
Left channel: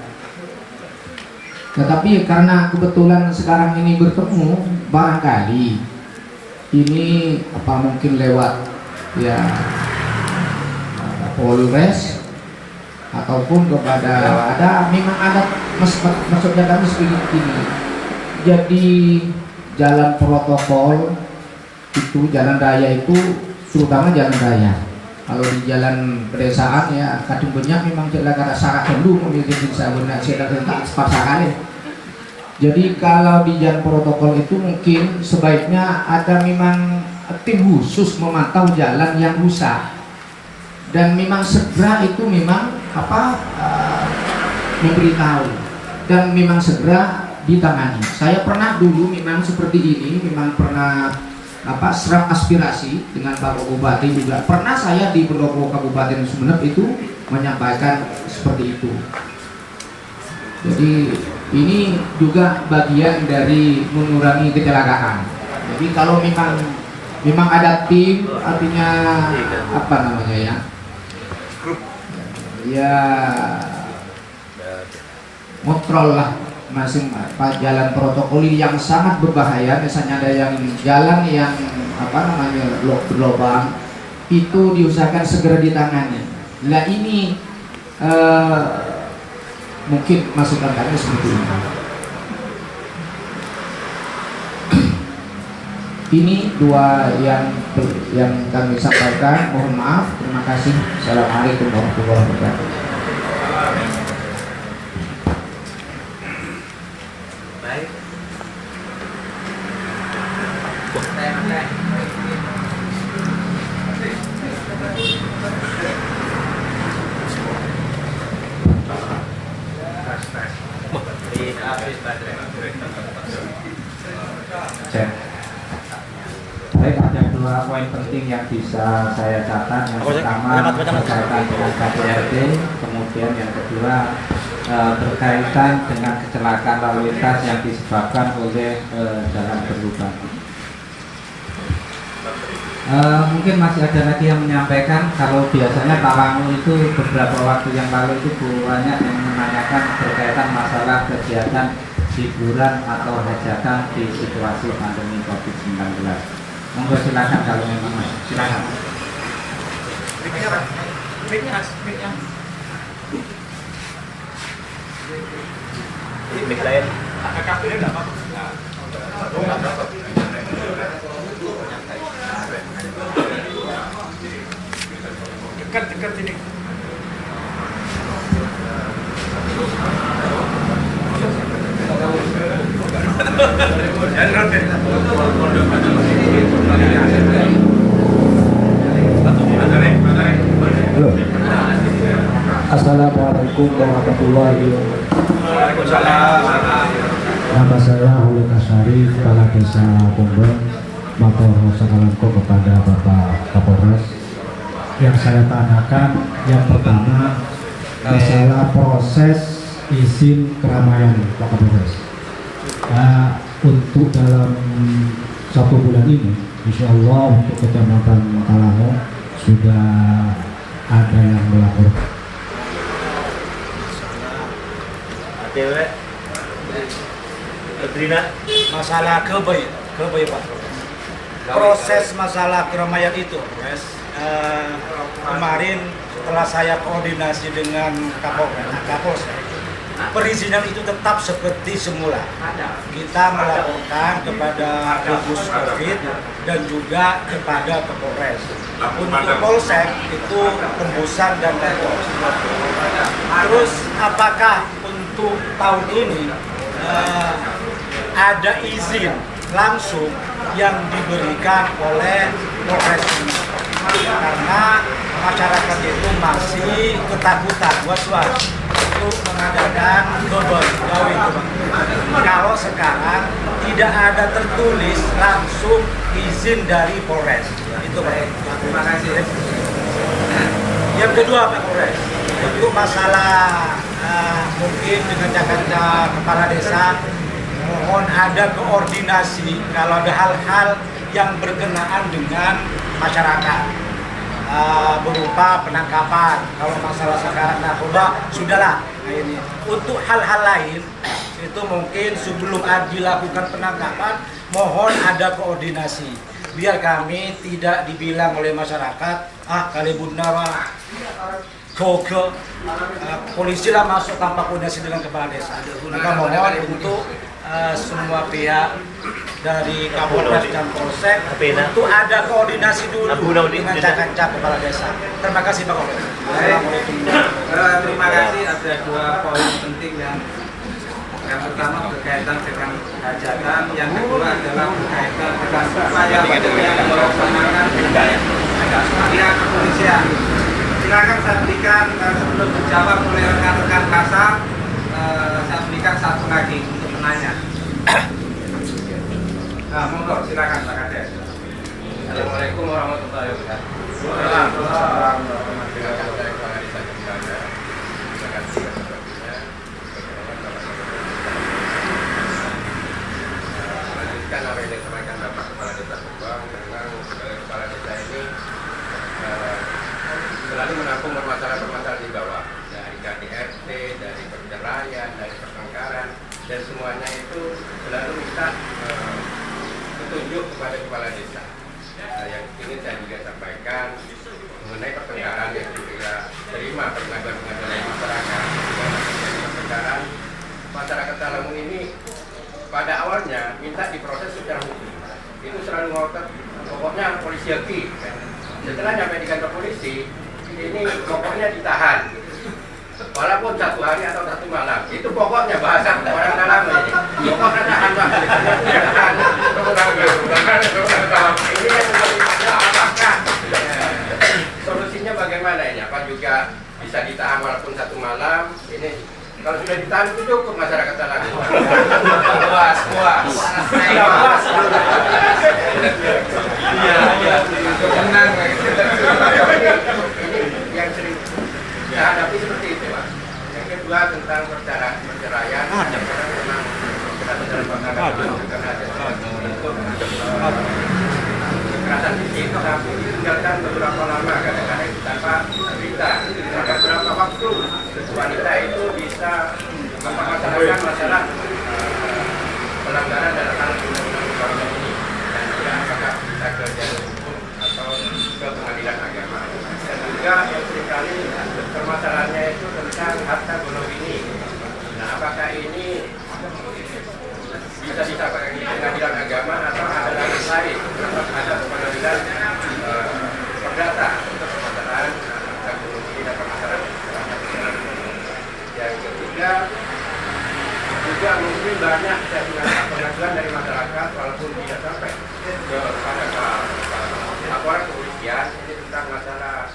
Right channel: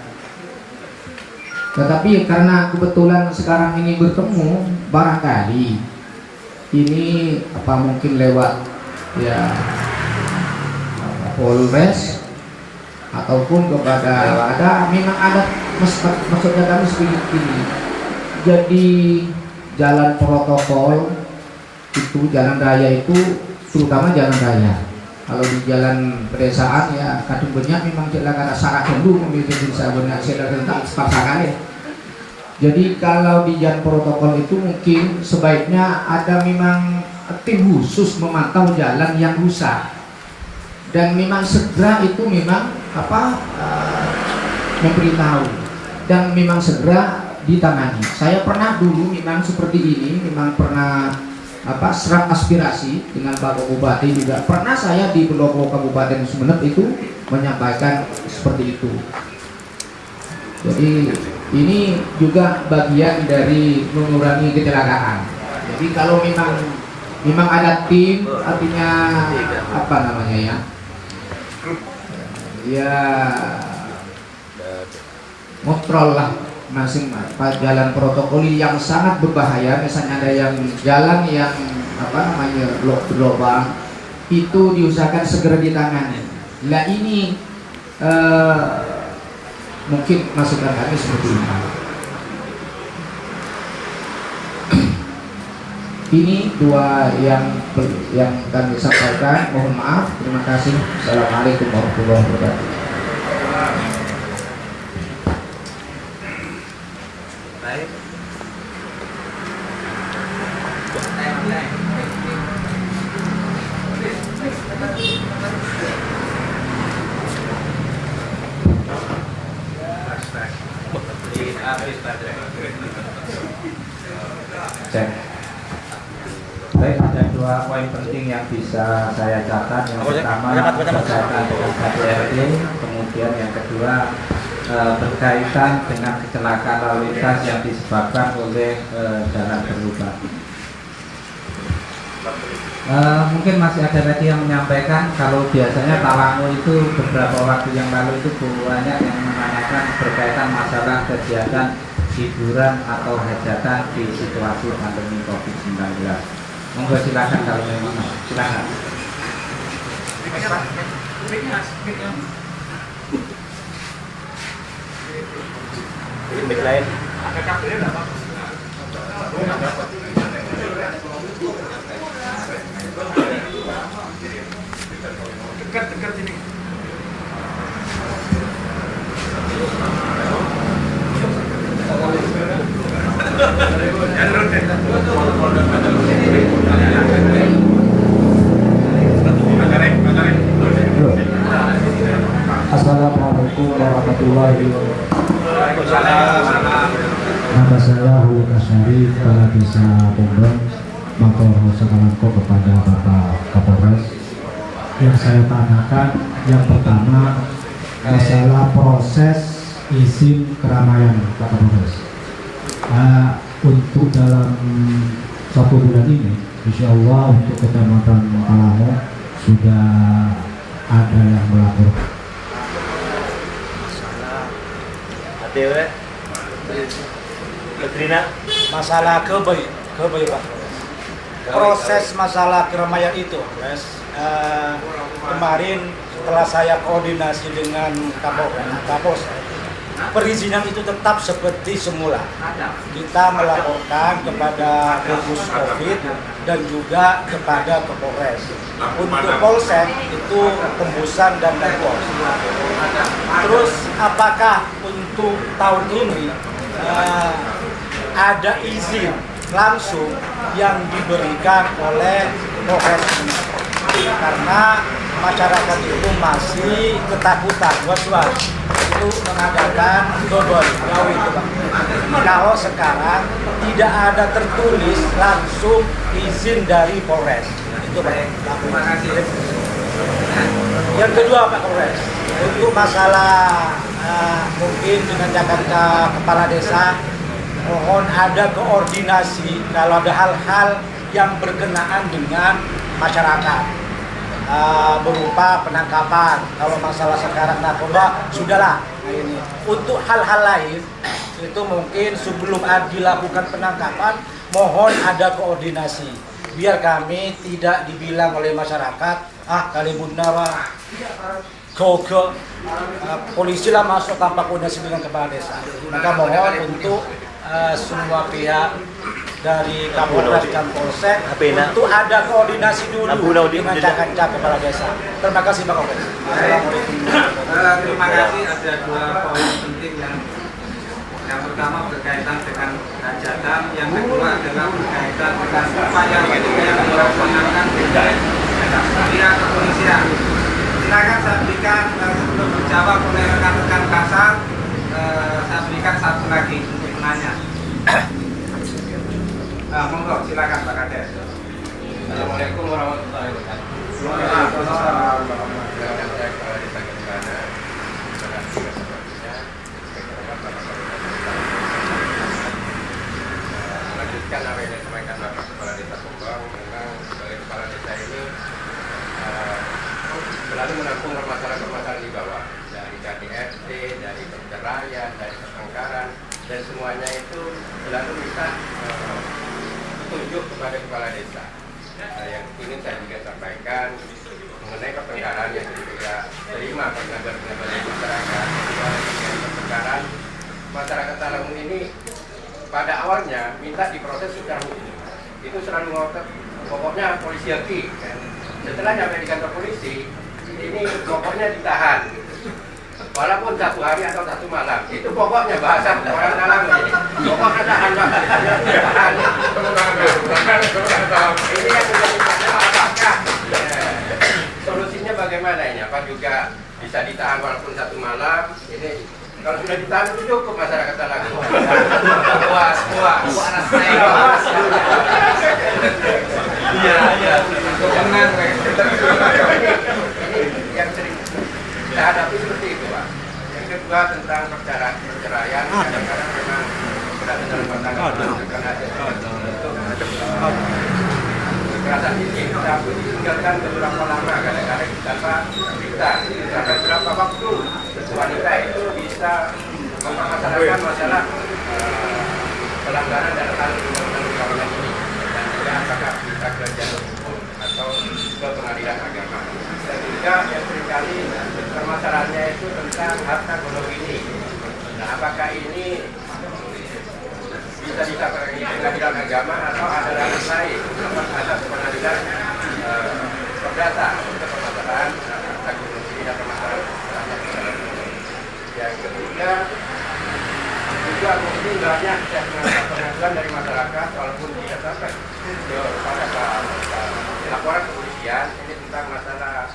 Tetapi karena kebetulan sekarang ini bertemu, barangkali ini apa mungkin lewat ya Polres ataupun kepada memang ada maksudnya kami seperti ini. Jadi jalan protokol itu jalan raya itu terutama jalan raya. Kalau di jalan pedesaan ya kadang banyak memang jalan syarat dulu memiliki sabunnya silakan pasarane. Jadi kalau di jalan protokol itu mungkin sebaiknya ada memang tim khusus memantau jalan yang rusak dan memang segera itu memang memberitahu dan memang segera ditangani. Saya pernah dulu memang seperti ini, memang pernah serap aspirasi dengan Bapak Bupati juga. Pernah saya di Pendopo Kabupaten Sumeneb itu menyampaikan seperti itu. Jadi ini juga bagian dari mengurangi kecelakaan. Jadi kalau memang ada tim, artinya apa namanya ya kontrol lah masing jalan protokol yang sangat berbahaya. Misalnya ada yang jalan yang berlubang itu diusahakan segera ditangani. Lah ini mungkin masukan kami seperti ini. Ini dua yang kami sampaikan. Mohon maaf. Terima kasih. Assalamualaikum warahmatullahi wabarakatuh. Baik. Cek. Baik, ada dua poin penting yang bisa saya catat. Yang pertama berkaitan dengan KDRT, kemudian yang kedua berkaitan dengan kecelakaan lalu lintas yang disebabkan oleh jalan berlubang. Mungkin masih ada lagi yang menyampaikan kalau biasanya Tawangu itu beberapa waktu yang lalu itu banyak yang menanyakan berkaitan masalah kegiatan hiburan atau hajatan di situasi pandemi COVID-19. Monggo silakan kalau memang silakan. Dekat ini. Assalamualaikum warahmatullahi wabarakatuh. Nama saya Hulu Kasari, Kepala Desa Pomben, Matur Sakalangko kepada Bapak Kapolres. Yang saya tanyakan, yang pertama masalah proses izin keramaian Pak Kapolres. Untuk dalam 1 bulan ini, insya Allah untuk Kecamatan Tawangu sudah ada yang melapor. Masalah kebaik Pak. Proses masalah keramaian itu, kemarin setelah saya koordinasi dengan Kapolsek, perizinan itu tetap seperti semula. Kita melaporkan kepada gugus COVID dan juga kepada Kapolres. Untuk Polsek itu tembusan dan Pos. Terus apakah untuk tahun ini ada izin langsung yang diberikan oleh Polres ini? Karena masyarakat itu masih ketakutan, was-was untuk mengadakan double gawe itu Bang. Kalau sekarang tidak ada tertulis langsung izin dari Polres. Itu Pak. Terima kasih. Yang kedua Pak Polres, untuk masalah mungkin dengan Jakarta Kepala Desa, mohon ada koordinasi kalau ada hal-hal yang berkenaan dengan masyarakat. Berupa penangkapan. Kalau masalah sekarang narkoba sudahlah akhirnya. Untuk hal-hal lain itu mungkin sebelum dilakukan penangkapan mohon ada koordinasi biar kami tidak dibilang oleh masyarakat kali bunda polisi lah masuk tanpa koordinasi dengan kepala desa. Maka mohon untuk semua pihak dari Kapolres dan Polsek untuk ada koordinasi dulu dengan cak-cak kepala desa. Terima kasih Pak Kapolres. Assalamualaikum. Terima kasih. Ada dua poin penting yang pertama berkaitan dengan hajatan, yang kedua adalah berkaitan dengan upaya yang dilaksanakan oleh pihak kepolisian. Silakan saya berikan sebelum dijawab oleh rekan-rekan kasar, saya berikan satu lagi untuk penanya. Monggo, silakan Pak Kades. Assalamualaikum warahmatullahi wabarakatuh. Melanjutkan apa yang disampaikan Bapak Kepala Desa Kumbang, memang sebagai kepala desa ini selalu menampung permasalahan-permasalahan di bawah, dari KDRT, dari perceraian, dari pertengkaran, dan semuanya itu selalu minta petunjuk kepada kepala desa. Yang ingin saya juga sampaikan mengenai pertengkaran yang juga terima pengaduan dari masyarakat. Dari pertengkaran masyarakat Talamun ini pada awalnya minta diproses secara hukum. Itu selalu ngotot, pokoknya polisi haki. Setelah nyampe di kantor polisi, ini pokoknya ditahan. Walaupun 1 hari atau 1 malam, itu pokoknya bahasa orang Talamun ini. Pokoknya tahan Pak, tahan. Ini yang menjadi masalah, apakah solusinya bagaimana ini? Apa juga bisa ditahan walaupun 1 malam? Ini kalau sudah ditahan itu cukup masyarakat Talamun. Puas. Iya. Tenang, ini yang sering kita hadapi seperti itu, Pak. Yang kedua tentang perceraian, karena memang berdasarkan dalam pasangan karena ada bentuk kekerasan fisik, tapi ditinggalkan beberapa lama, kadang-kadang tanpa berita, sampai berapa waktu wanita itu bisa mempermasalahkan masalah pelanggaran dalam hal undang-undang perkawinan ini, dan juga apakah bisa ke jalur hukum atau ke pengadilan agama. Dan juga yang seringkali permasalahannya itu tentang harta gonogini. Nah, apakah ini bisa disampaikan di pengadilan agama atau ada ranah lain atau ada pengadilan perdata untuk permasalahan harta gonogini dan permasalahan yang ketiga juga mungkin banyak pengaduan dari masyarakat walaupun tidak sampai kepada laporan kepolisian ini tentang masalah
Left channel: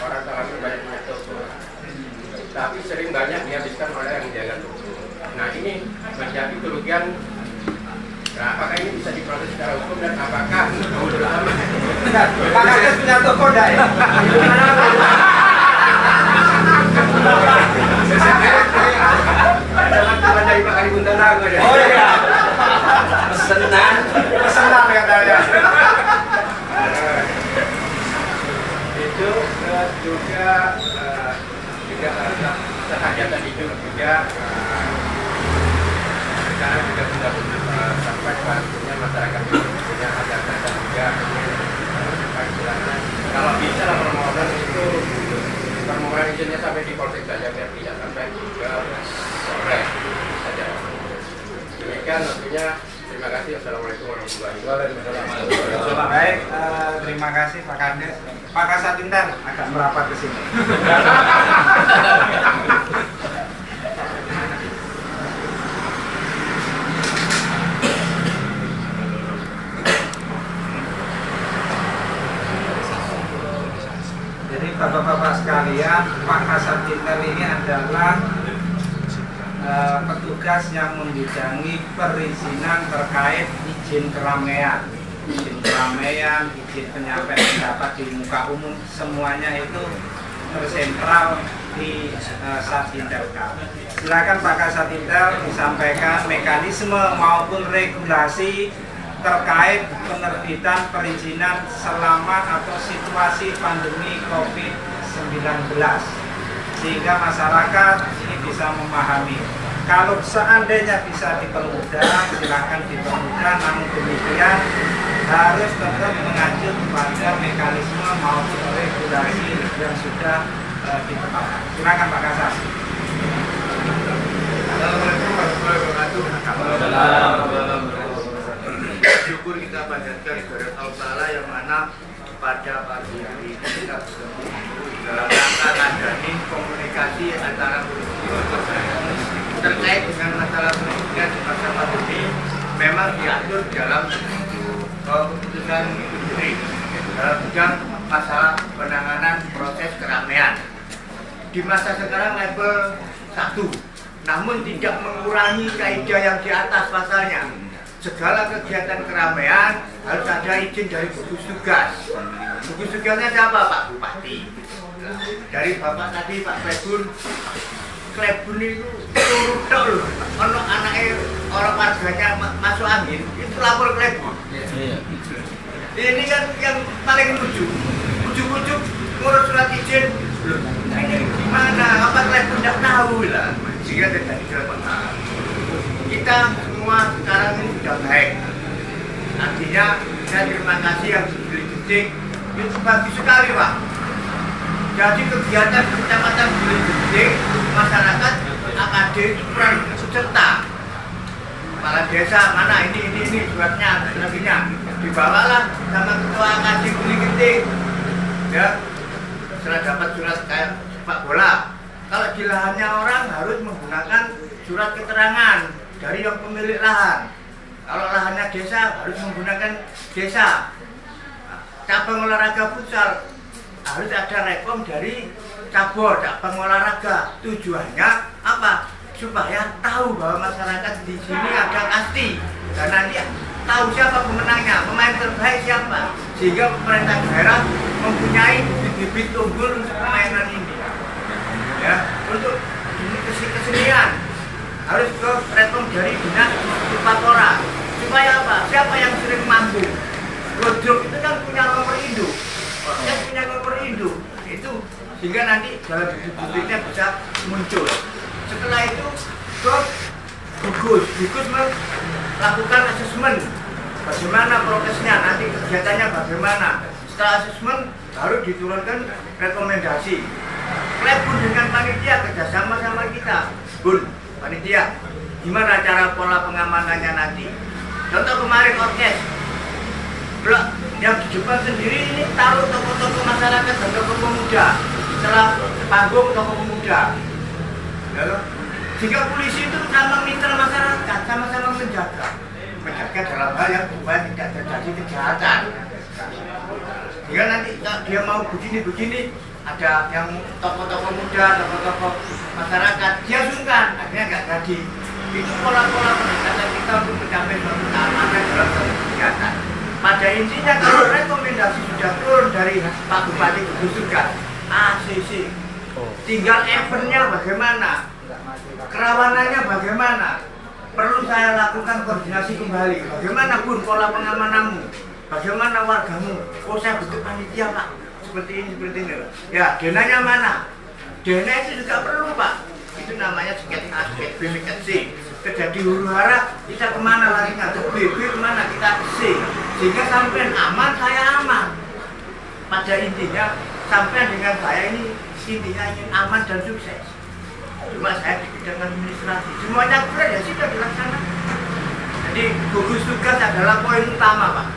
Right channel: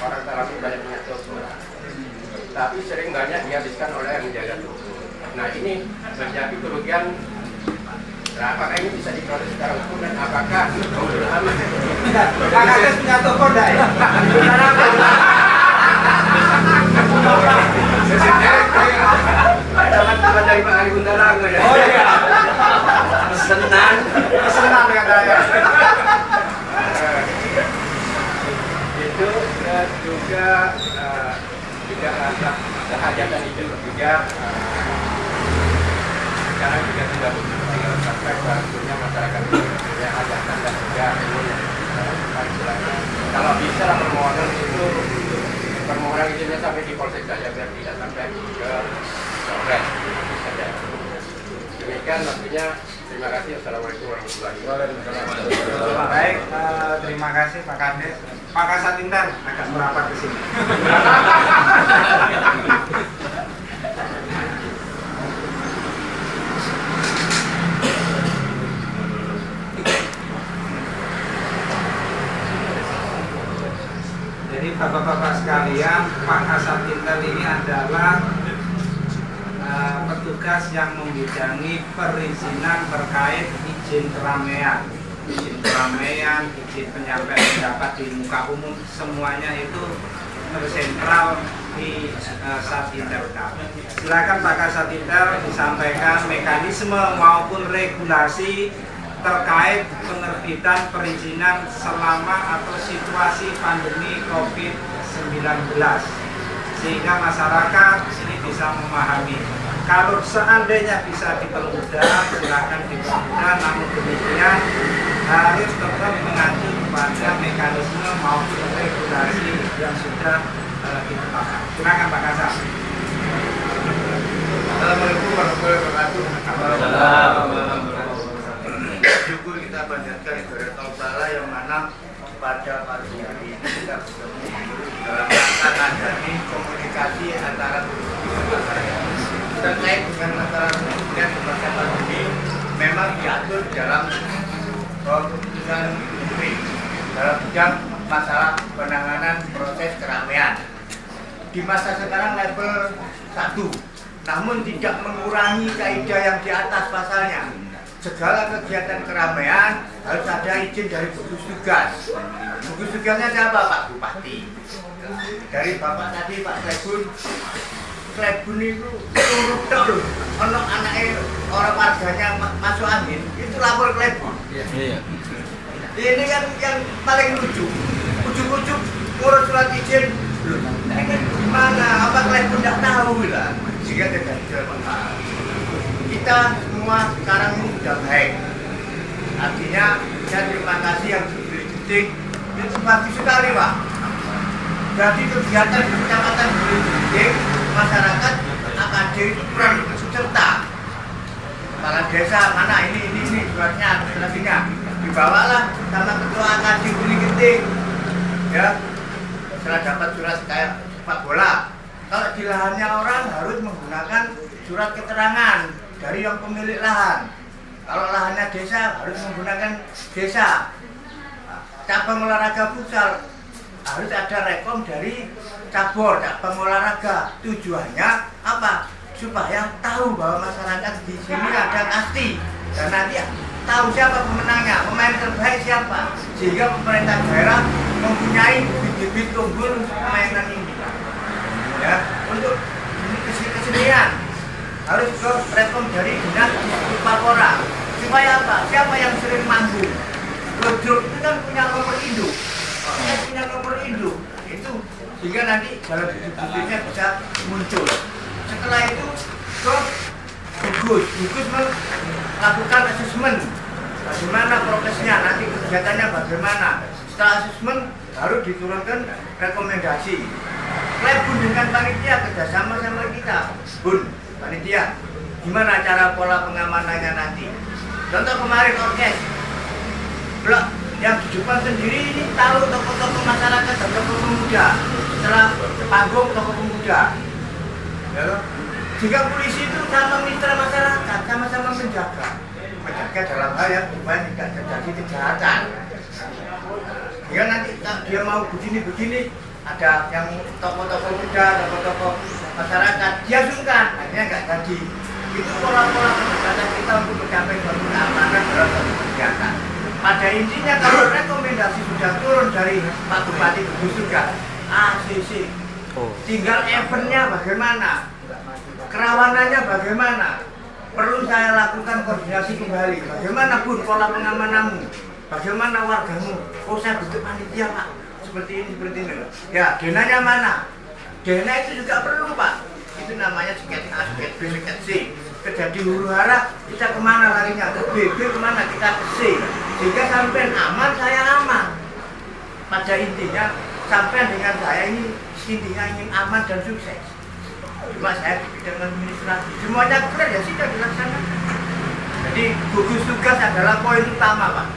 orang Talamun banyak punya toko, tapi sering banyak dihabiskan oleh yang menjaga toko. Nah ini menjadi kerugian. Nah, apakah ini bisa diproses secara hukum dan apakah menurut aman? Makanya punya toko dai. Teman-teman dari Pak Ali Bunda Lago ya. Pesenan ya saya. Itu juga sehajatan hidup juga sekarang juga sudah sampai pada masyarakat punya hajatan dan juga ini apa istilahnya kalau bisa lah permohonan izinnya sampai di Polsek saja biar tidak sampai ke Polres saja. Demikian waktunya. Terima kasih. Assalamualaikum warahmatullahi wabarakatuh. Baik, terima kasih Pak Kades. Pak Kasatintan agak merapat ke sini. Jadi Bapak-bapak sekalian, Pak Kasatintan ini adalah petugas yang membidangi perizinan terkait izin keramaian, izin penyampaian pendapat di muka umum, semuanya itu tersentral di Satintel. Silakan Pak Kasatintel disampaikan mekanisme maupun regulasi terkait penerbitan perizinan selama atau situasi pandemi COVID-19 sehingga masyarakat ini bisa memahami. Kalau seandainya bisa dipermudah, silakan dipermudah. Namun demikian harus tetap mengacu kepada mekanisme maupun regulasi yang sudah ditetapkan. Silakan Pak Kasar. Assalamualaikum warahmatullahi wabarakatuh. Syukur kita panjatkan kehadirat Allah yang mana pada pagi hari ini kita bertemu dalam rangka ngadain komunikasi antara guru masyarakat terkait dengan masalah pendidikan di masa pandemi. Memang diatur dalam keputusan Menteri dalam bidang masalah penanganan proses keramaian di masa sekarang level 1, namun tidak mengurangi kaidah yang di atas pasalnya. Segala kegiatan keramaian harus ada izin dari gugus tugas. Gugus tugasnya siapa? Pak Bupati. Dari Bapak tadi Pak Klebun itu turut loh. Ono anaknya orang warganya masuk angin, itu lapor Klebun. Ini kan yang paling lucu. Ujuk-ujuk ngurus surat izin. Loh, ini gimana? Apa Klebun tidak tahu lah? Sehingga tidak dilakukan. Kita semua sekarang ini sudah baik. Artinya saya terima kasih yang Gili-Ginting itu bagus sekali Pak. Jadi kegiatan di Kecamatan Gili-Ginting masyarakat AKD itu kurang serta. Kepala desa mana ini suratnya sebagainya dibawalah sama ketua AKD Gili-Ginting. Ya, setelah dapat surat kayak sepak bola. Kalau di lahannya orang harus menggunakan surat keterangan dari yang pemilik lahan. Kalau lahannya desa harus menggunakan desa. Cabang olahraga futsal harus ada rekom dari cabang olahraga. Tujuannya apa? Supaya tahu bahwa masyarakat di sini ada kasti dan nanti tahu siapa pemenangnya, pemain terbaik siapa. Sehingga pemerintah daerah mempunyai bibit-bibit unggul untuk permainan ini. Ya, untuk ini kesenian harus ke rekom dari dinas Upakora. Supaya apa? Siapa yang sering manggung? Godrok itu kan punya nomor induk. Dia punya nomor induk. Itu sehingga nanti dalam bibit-bibitnya bisa muncul. Setelah itu ke gugus melakukan asesmen. Bagaimana prokesnya? Nanti kegiatannya bagaimana? Setelah asesmen baru diturunkan rekomendasi. Klebun dengan panitia kerjasama sama kita. Bun, panitia, gimana cara pola pengamanannya nanti? Contoh kemarin orkes, blok yang di depan sendiri ini taruh tokoh-tokoh masyarakat dan tokoh pemuda. Setelah panggung tokoh pemuda. Lalu, jika polisi itu sama mitra masyarakat, sama-sama menjaga dalam hal yang supaya tidak terjadi kejahatan. Jika nanti dia mau begini, ada yang tokoh-tokoh muda, tokoh-tokoh masyarakat, dia sungkan, akhirnya nggak jadi. Itu pola-pola pendekatan kita untuk mencapai suatu keamanan dalam suatu kegiatan. Pada intinya kalau rekomendasi sudah turun dari Pak Bupati ke gugus tugas, ACC, tinggal eventnya bagaimana, kerawanannya bagaimana, perlu saya lakukan koordinasi kembali. Bagaimana Bun pola pengamananmu, bagaimana wargamu? Oh saya bentuk panitia Pak. Seperti ini loh. Ya, denanya mana? Dena itu juga perlu Pak. Itu namanya sket A, sket B, sket C. Terjadi huru hara, kita kemana larinya? Ke B, kemana? Kita ke C. Sehingga sampai aman, saya aman. Pada intinya, sampai dengan saya ini intinya ingin aman dan sukses. Cuma saya di bidang administrasi. Semuanya clear ya sudah dilaksanakan. Jadi gugus tugas adalah poin utama Pak.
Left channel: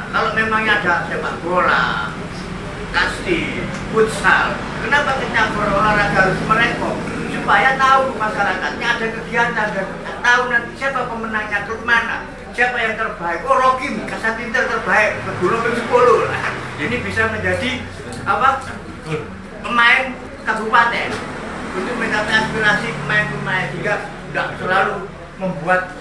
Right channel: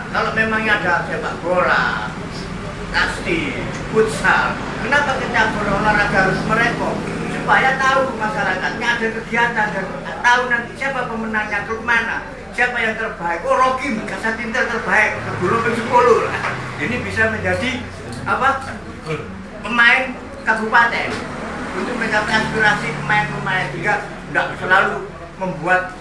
Nah, kalau memangnya ada sepak bola, kasti, futsal, kenapa cabur olahraga harus merekom? Supaya tahu masyarakatnya ada kegiatan dan tahu nanti siapa pemenangnya, klub mana, siapa yang terbaik. Oh Rokim, Kasatintel terbaik, ke Golongan 10. Ini bisa menjadi apa? Pemain kabupaten untuk mencapai aspirasi pemain-pemain, juga tidak selalu membuat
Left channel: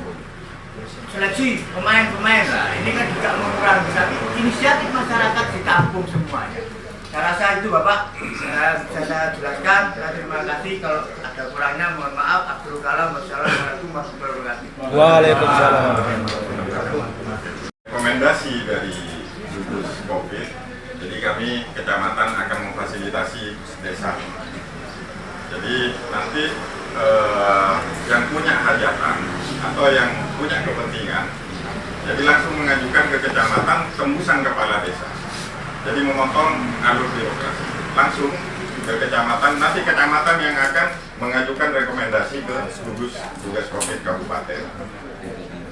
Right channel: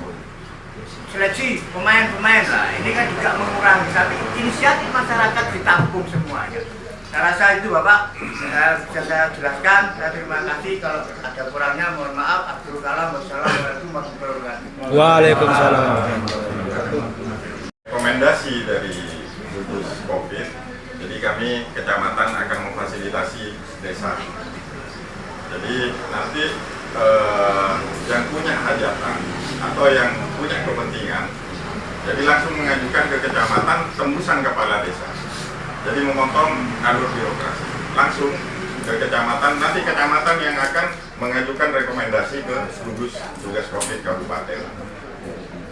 seleksi pemain-pemain. Nah, ini kan juga mengurangi, tapi inisiatif masyarakat ditampung semuanya. Saya rasa itu Bapak, bisa saya jelaskan. Saya terima kasih. Kalau ada kurangnya mohon maaf. Abdul Kalam. Wassalamualaikum warahmatullahi wabarakatuh. Waalaikumsalam. Rekomendasi dari gugus COVID, jadi kami kecamatan akan memfasilitasi desa. Jadi nanti yang punya hajatan atau yang punya kepentingan, jadi langsung mengajukan ke kecamatan tembusan kepala desa. Jadi memotong alur birokrasi langsung ke kecamatan. Nanti kecamatan yang akan mengajukan rekomendasi ke gugus tugas COVID kabupaten.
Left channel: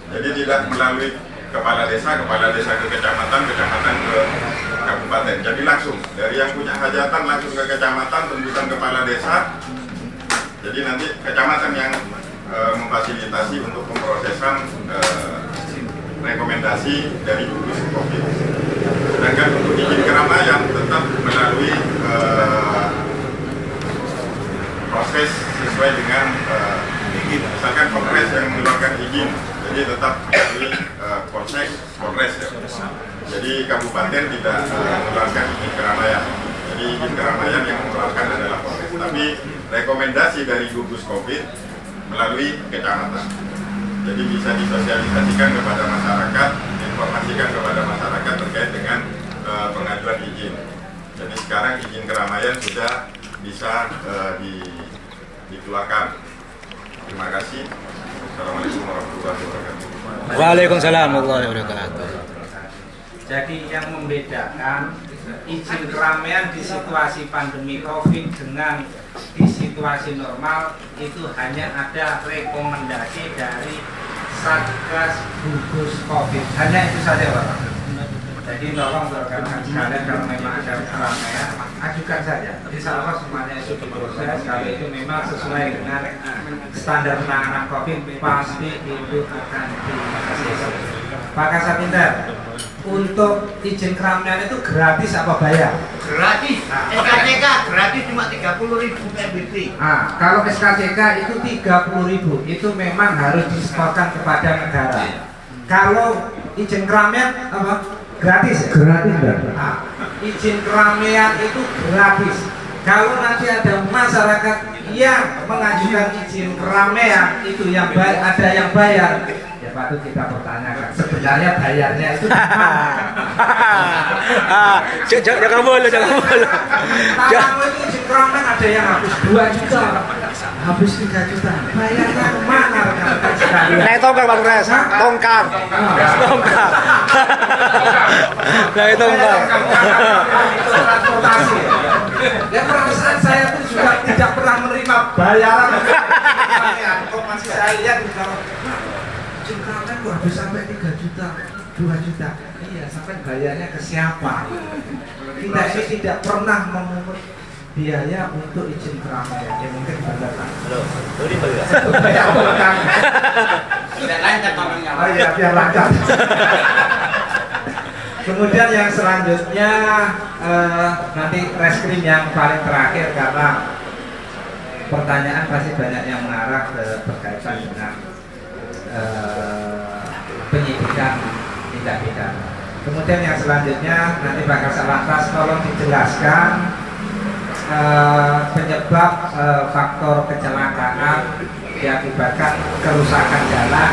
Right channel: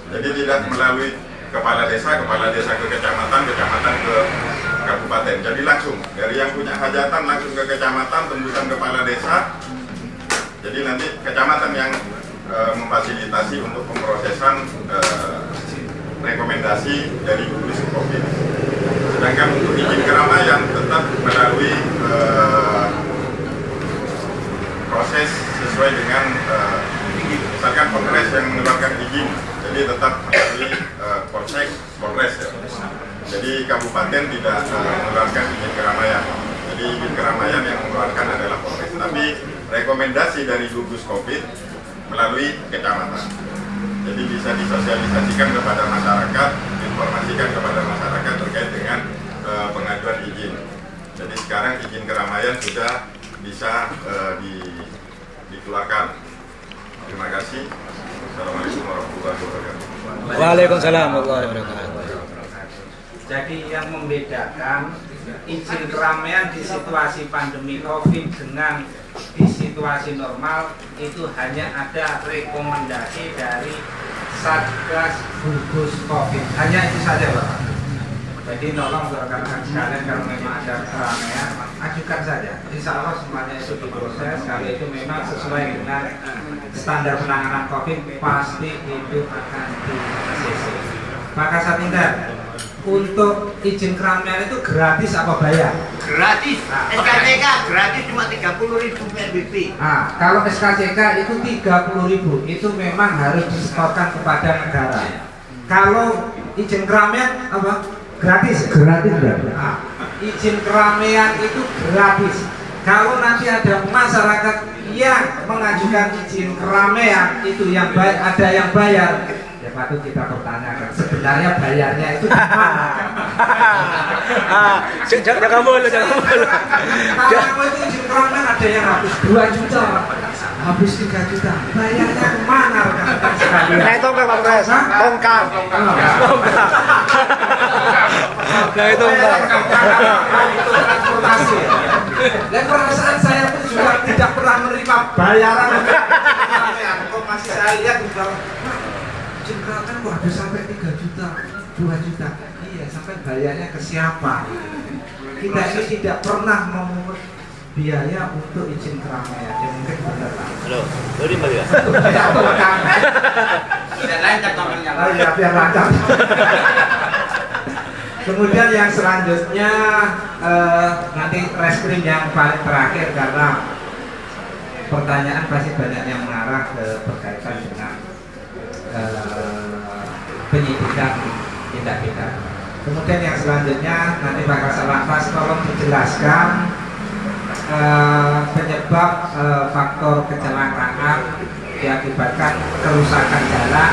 Jadi tidak melalui kepala desa ke kecamatan, kecamatan ke kabupaten. Jadi langsung dari yang punya hajatan langsung ke kecamatan, tembusan kepala desa. Jadi nanti kecamatan yang memfasilitasi untuk pemrosesan rekomendasi dari gugus COVID. Sedangkan untuk izin keramaian tetap melalui proses sesuai dengan misalkan Polres yang mengeluarkan izin, jadi tetap melalui Polsek, Polres ya. Jadi kabupaten tidak mengeluarkan izin keramaian. Jadi izin keramaian yang mengeluarkan adalah Polres. Tapi rekomendasi dari gugus COVID melalui kecamatan. Jadi bisa disosialisasikan kepada masyarakat, informasikan kepada masyarakat terkait dengan pengajuan izin. Jadi sekarang izin keramaian sudah bisa dikeluarkan. Terima kasih. Assalamualaikum warahmatullahi wabarakatuh. Waalaikumsalam warahmatullahi wabarakatuh. Jadi yang membedakan izin keramaian di situasi pandemi COVID dengan di situasi normal itu hanya ada rekomendasi dari Satgas gugus COVID. Hanya itu saja, Pak. Jadi tolong rekan-rekan sekalian kalau memang ada keramaian, ajukan saja. Insya Allah semuanya itu diproses. Kalau itu memang sesuai dengan standar penanganan COVID, pasti itu akan di-ACC. Pak Kasatinter, untuk izin keramaian itu gratis apa bayar? Gratis. SKCK gratis cuma 30.000 PNBP. Nah, kalau SKCK itu 30.000, itu memang harus disetorkan kepada negara. Kalau izin keramaian apa? Gratis. Gratis enggak? Nah, izin keramaian itu gratis. Kalau nanti ada masyarakat yang mengajukan izin keramaian itu yang ada yang bayar, ya patut kita pertanyakan sebenarnya bayarnya itu gimana? Jangan boleh. Kalau itu izin keramaian ada yang habis 2 juta, habis 3 juta, bayarnya kemana rekan-rekan sekalian? Naik tongkat Pak Mas, tongkat. Naik tongkat. Itu transportasi. Dan perasaan saya pun juga tidak pernah menerima bayaran keramaian. Kok masih saya lihat di bawah, izin keramaian kok habis sampai 3 juta, 2 juta. Iya, sampai bayarnya ke siapa? Kita ini tidak pernah memungut biaya untuk izin keramaian. Ya mungkin benar Pak. Halo, boleh Pak ya? Ya bukan. Tidak lancar tolongnya. Oh iya, biar lancar. Kemudian yang selanjutnya nanti reskrim yang paling terakhir, karena pertanyaan pasti banyak yang mengarah ke berkaitan dengan penyidikan tindak pidana. Kemudian yang selanjutnya nanti Pak Kasatlantas tolong dijelaskan penyebab faktor kecelakaan diakibatkan kerusakan jalan.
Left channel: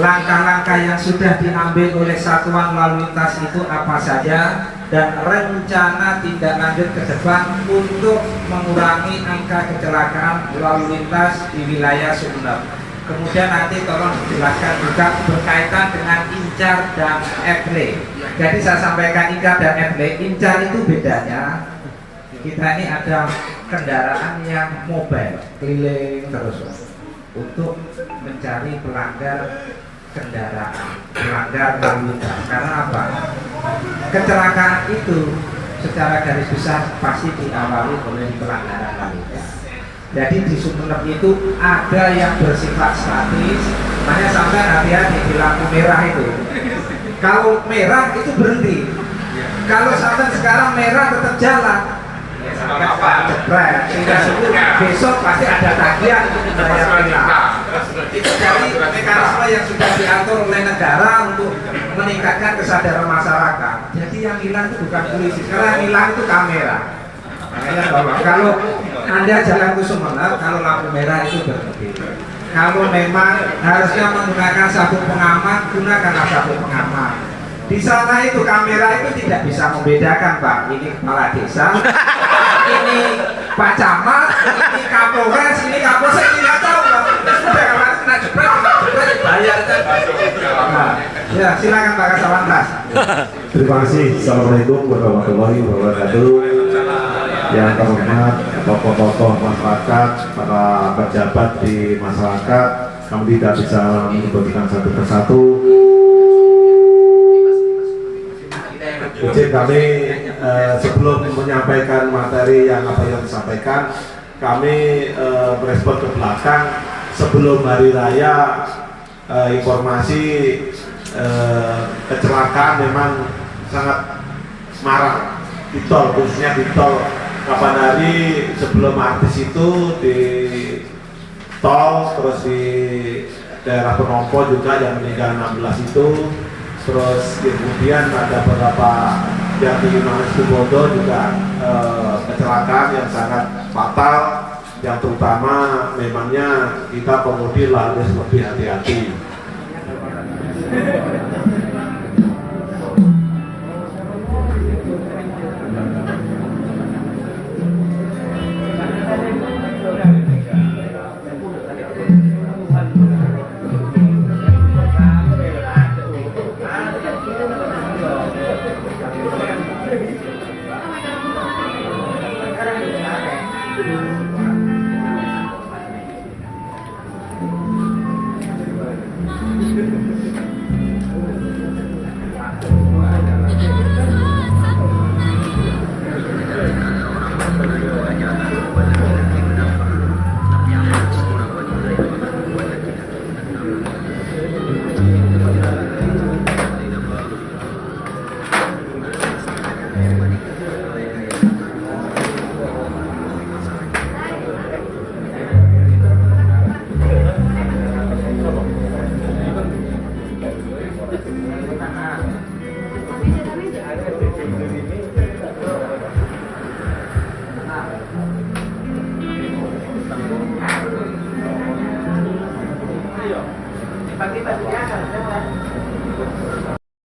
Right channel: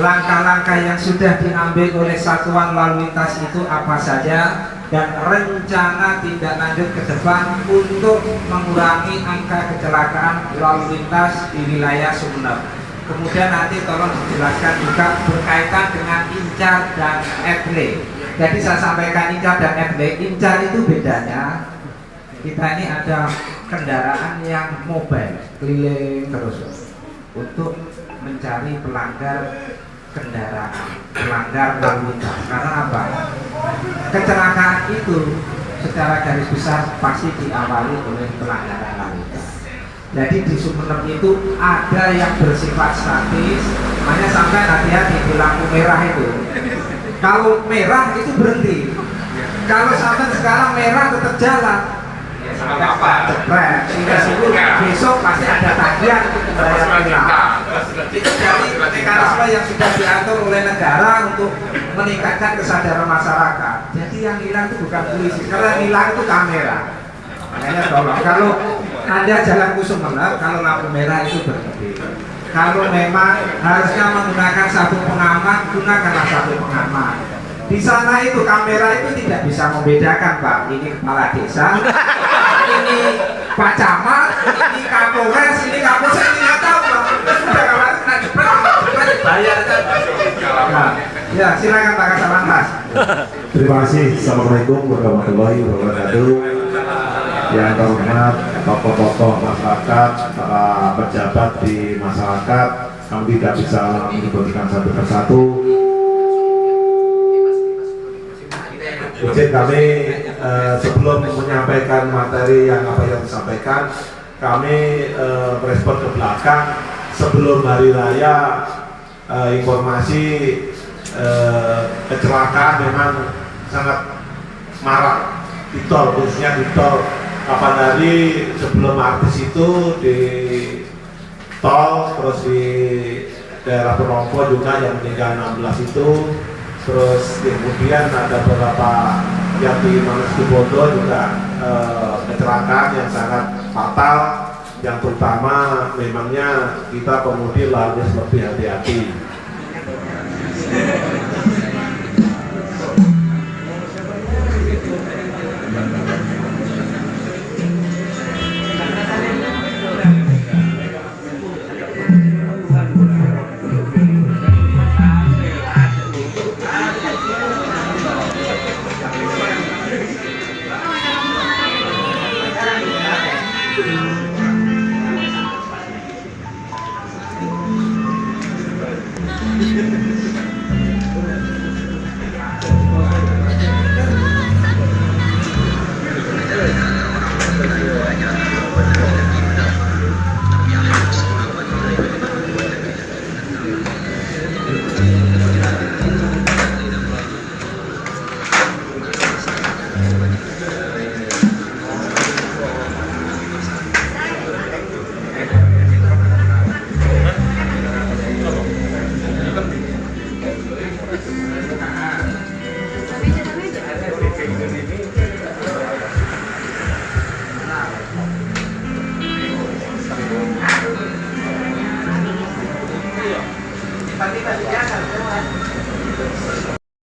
Langkah-langkah yang sudah diambil oleh satuan lalu lintas itu apa saja, dan rencana tindak lanjut ke depan untuk mengurangi angka kecelakaan lalu lintas di wilayah Sumeneb. Kemudian nanti tolong dijelaskan juga berkaitan dengan incar dan FLE. Jadi saya sampaikan incar dan FLE. Incar itu bedanya, kita ini ada kendaraan yang mobile, keliling terus untuk mencari pelanggar kendaraan, pelanggar lalu lintas. Karena apa? Kecelakaan itu secara garis besar pasti diawali oleh pelanggaran lalu lintas. Jadi di Sumeneb itu ada yang bersifat statis, makanya sampai hati-hati di lampu merah itu. Kalau merah itu berhenti. Kalau sampai sekarang merah tetap jalan, ya sampai jebret. Besok pasti ada tagihan untuk dibayar tilang. Itu dari mekanisme yang sudah diatur oleh negara untuk meningkatkan kesadaran masyarakat. Jadi yang hilang itu bukan polisi, karena yang hilang itu kamera. Makanya tolong, kalau Anda jalan ke Sumeneb, kalau lampu merah itu berhenti. Kalau memang harusnya menggunakan sabuk pengaman, gunakanlah sabuk pengaman. Di sana itu kamera itu tidak bisa membedakan Pak, ini kepala desa, ini Pak Camat, ini Kapolres, ini Kapolsek, ini nggak tahu. Sudah kalau kena jepret bayar kan. Nah, ya silakan Pak Kasawan Mas. Terima kasih. Assalamualaikum warahmatullahi wabarakatuh. Yang terhormat tokoh-tokoh masyarakat, para pejabat di masyarakat, kami tidak bisa menyebutkan satu persatu. Izin kami sebelum menyampaikan materi yang apa yang disampaikan, kami merespon ke belakang sebelum hari raya. Informasi kecelakaan memang sangat marak di tol, khususnya di tol. Kapan hari sebelum artis itu di tol, terus di daerah Penompo juga yang meninggal 16 itu. Terus kemudian ada beberapa yang di Mangkubodo juga kecelakaan yang sangat fatal, yang terutama memangnya kita pengemudi harus lebih hati-hati. Pagi-pagi ya,